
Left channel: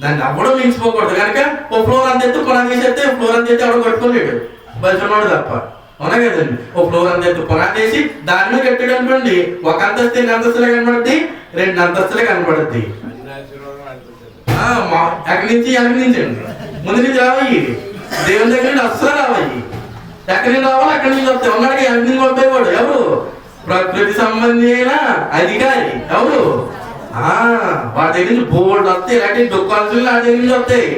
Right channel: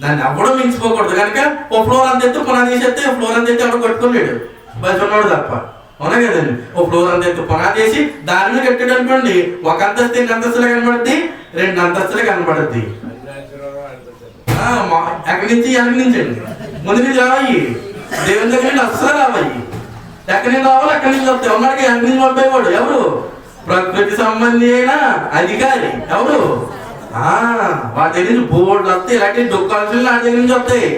దాన్ని అవ్వడం మించిపోకూడదు. కనుక ఓ ఫ్లోర్ అంత ఎత్తు పునాది వేసేస్తే ఫ్లోర్ అంత ఎత్తు ఎవడో కట్టుకోలేడు, బయట ఉన్నవాడు తప్ప. అవునా కదండి? ఓ ఫ్లోర్ అంత ఎత్తు పునాది వేసి దాని మీద కట్టాడు అనుకోండి, 1 అంతస్తు 2 అంతస్తులే కనబడుద్ది, 2 అంతస్తులే కనబడుద్ది. ఎక్కడి నుంచి అండి, ముందు నుంచి రావయ్యి, దేవుని దగ్గర నుంచి అస్సలు రావయ్యి. ఎక్కడి నుంచి రావాలి అక్కడి నుంచి వస్తాయి. ఉన్నాడికి ఎక్కడి నుంచి పంపేవాడు ఎవరు? ప్రకృతి సంబంధి అయిన అధికారి ఎవరు? వాటి దగ్గర నుంచి బోర్డు వస్తాయి, ఇలాంటి దుఃఖాలు వాటి దగ్గర నుంచి వస్తాయి.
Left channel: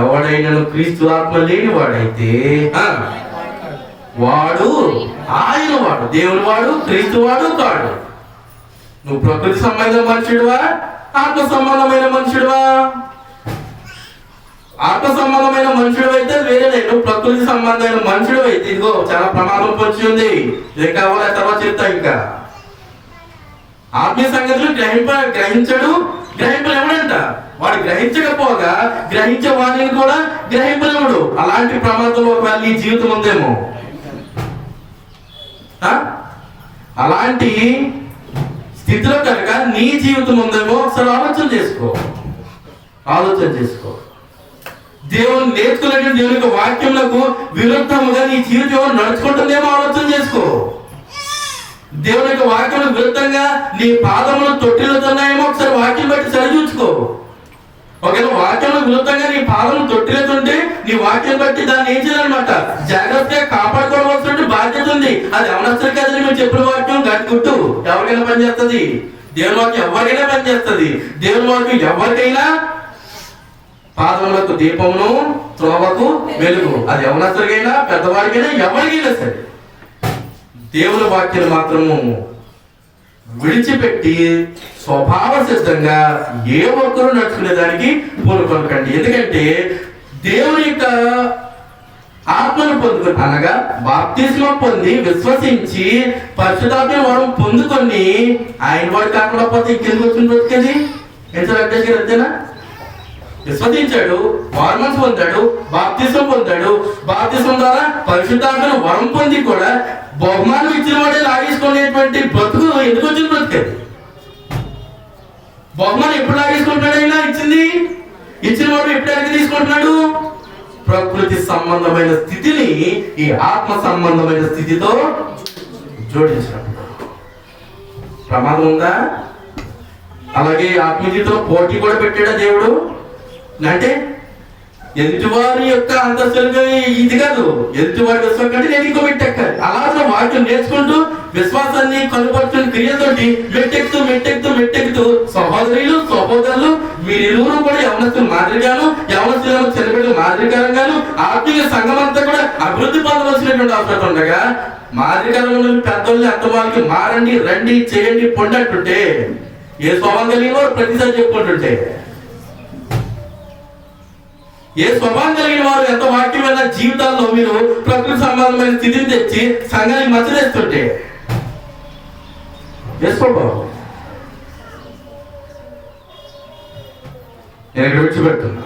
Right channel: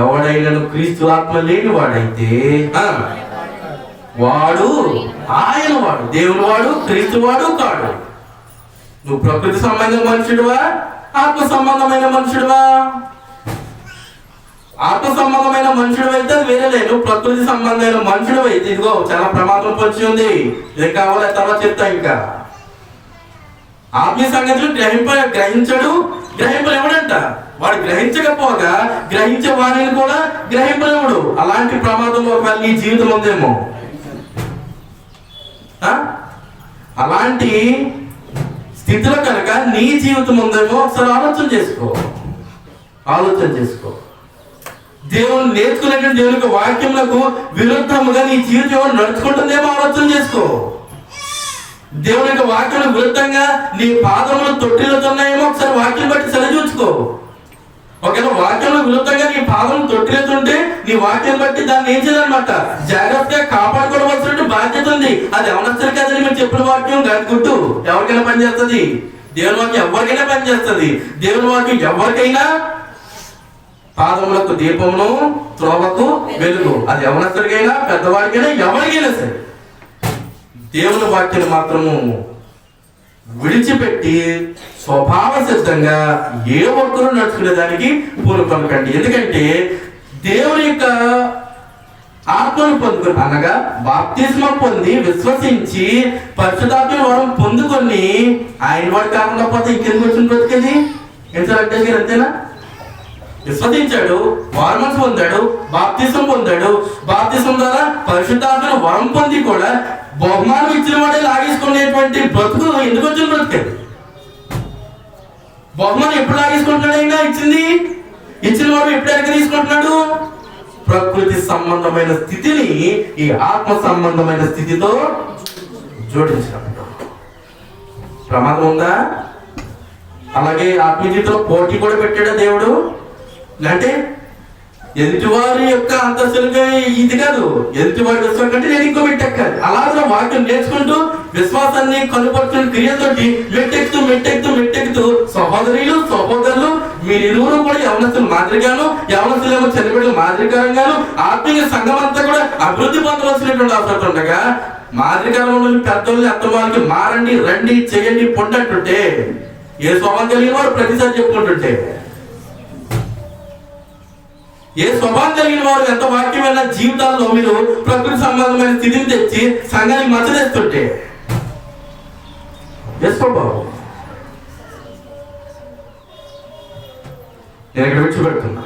ఎవడైనా క్రీస్తు ఆత్మ లేని వాడైతే వాడు ఆయన వాడు, దేవుని వాడు, క్రీస్తు వాడు కాడు. నువ్వు ప్రకృతి సంబంధమైన మనుషుడువా, ఆత్మ సంబంధమైన మనుషుడువా? ఆత్మ సంబంధమైన మనుషుడు అయితే వేరే లేదు. ప్రకృతి సంబంధమైన మనుషుడు అయితే ఇదిగో చాలా ప్రమాదం పొంచి ఉంది. ఏం కావాలో తర్వాత చెప్తా. ఇంకా ఆత్మీయ సంగతులు గ్రహించడు, గ్రహింపలేవడంట. వాడు గ్రహించకపోగా గ్రహించే వాడిని కూడా గ్రహింపలేవుడు. అలాంటి ప్రమాదంలో ఒకవేళ నీ జీవితం ఉందేమో, అలాంటి స్థితిలో కనుక నీ జీవితం ఉందేమో ఒకసారి ఆలోచన చేసుకో. దేవుని నేర్చుకునేటువంటి దేవుని యొక్క వాక్యములకు విరుద్ధముగా నీ జీవితం నడుచుకుంటుందేమో ఆలోచన చేసుకో. దేవుని యొక్క వాక్యం విరుద్ధంగా నీ పాదములు తొట్టిల్లుతున్నాయేమో ఒకసారి వాక్యం బట్టి సరిచూచుకో. ఒకవేళ వాక్యంలో విరుద్ధంగా నీ పాదములు తొట్టిల్లుతుంటే నీ వాక్యం బట్టి దాన్ని ఏం చేయాలన్నమాట? జాగ్రత్తగా కాపాడుకోవలసిన బాధ్యత ఉంది. అది ఎవరొస్తారు కదండి, మీరు చెప్పిన వాక్యం గట్టుకుంటూ ఎవరికైనా పనిచేస్తుంది. దేవుని వాక్యం ఎవరికైనా పనిచేస్తుంది. దేవుని వాక్యం ఎవరికైనా పాదములకు దీపమును, త్రోవకు వెలుగు. అది ఎవరికైనా, పెద్దవాడికైనా, ఎవరికైనా సరే దేవుని వాక్యాన్ని మాత్రము విడిచిపెట్టి స్వభావ సిద్ధంగా ఏ ఒక్కరూ నడుచుకునే దానికి పూనుకొనకండి. ఎందుకంటే దేవుని యొక్క ఆత్మను పొందుకొని, అనగా బాప్తిస్మ పొంది విశ్వసించి పరిశుద్ధాత్మ వరం పొందుకొని ఆయన వాడు కాకుండా పోతే ఇంకెందుకు వచ్చిన బ్రతికేది? ఎంత అంతేనా? విశ్వసించాడు, మారుమనసు పొందాడు, బాప్తిసం పొందాడు. బాప్తిసం ద్వారా పరిశుద్ధాత్మను వరం పొంది కూడా బహుమానం ఇచ్చిన వాడే లాగేసుకునేటువంటి బ్రతుకు ఎందుకు వచ్చిన బ్రతుకది? బహుమానం ఎప్పుడు లాగేసుకుంటున్నాడు? అయినా ఇచ్చిన వాడు ఎప్పుడు ఎక్కడ తీసుకుంటున్నాడు? ప్రకృతి సంబంధమైన స్థితిని ఈ ఆత్మ సంబంధమైన స్థితితో జోడించినప్పుడు ప్రమాదం ఉందా? అలాగే ఆత్మీయతలో పోటీ కూడా పెట్టాడా దేవుడు? అంటే ఎదుటివారి యొక్క అంతస్తులుగా ఇది కాదు, ఎదుటివారి విశ్వాసం కంటే నేను ఇంకో మెట్టెక్కాలి. అలా వాక్యం నేర్చుకుంటూ విశ్వాసాన్ని కనుపరుచుకుని క్రియతోటి మెట్టెక్కుతూ సహోదరులు మీరిరువురు కూడా యవనస్తులు మాదిరిగాను, యవనస్తులు చనిపోయిన మాదిరికరంగాను ఆత్మీయ సంఘం అంతా కూడా అభివృద్ధి పొందవలసినటువంటి అవసరం ఉండగా మాదిరికరంలో పెద్దల్ని అత్తమాలకి మారండి, రండి, చేయండి, పొండట్టుంటే ఏ స్వభావం కలిగిన వారు ప్రతిసారి చెప్పుకుంటుంటే, ఏ స్వభావం కలిగిన వారు ఎంత వాక్యమైన జీవితాల్లో మీరు ప్రకృతి సంబంధమైన స్థితిని తెచ్చి సంఘానికి మచ్చ తెస్తుంటే ఏ స్వభావం? నేను ఇక్కడ విడిచిపెడుతున్నా.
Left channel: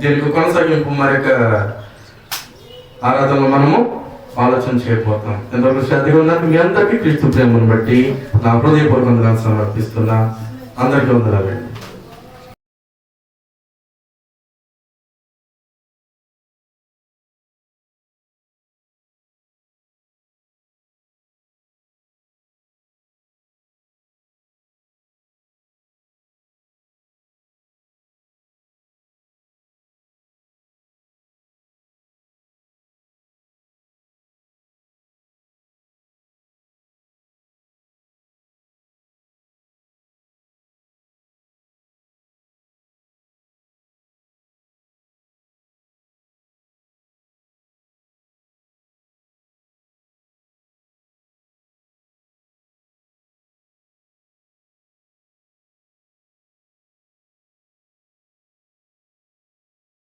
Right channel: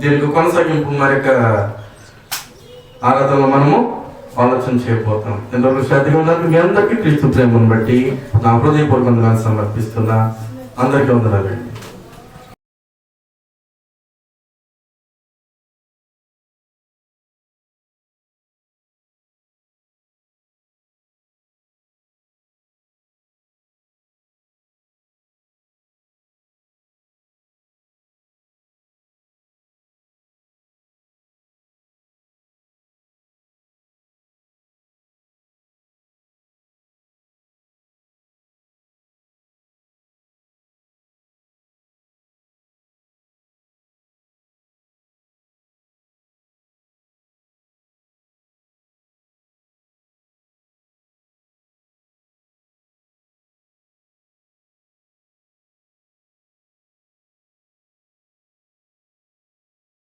దీనికి కొనసాగింపు మరి యొక్క ఆరాధనలో మనము ఆలోచన చేయబోతాం. ఎంతవరకు శ్రద్ధగా ఉన్నారు? మీ అందరికీ క్రీస్తు ప్రేమను బట్టి నా హృదయపూర్వకంగా సమర్పిస్తున్నా. అందరికీ వందనాలండి.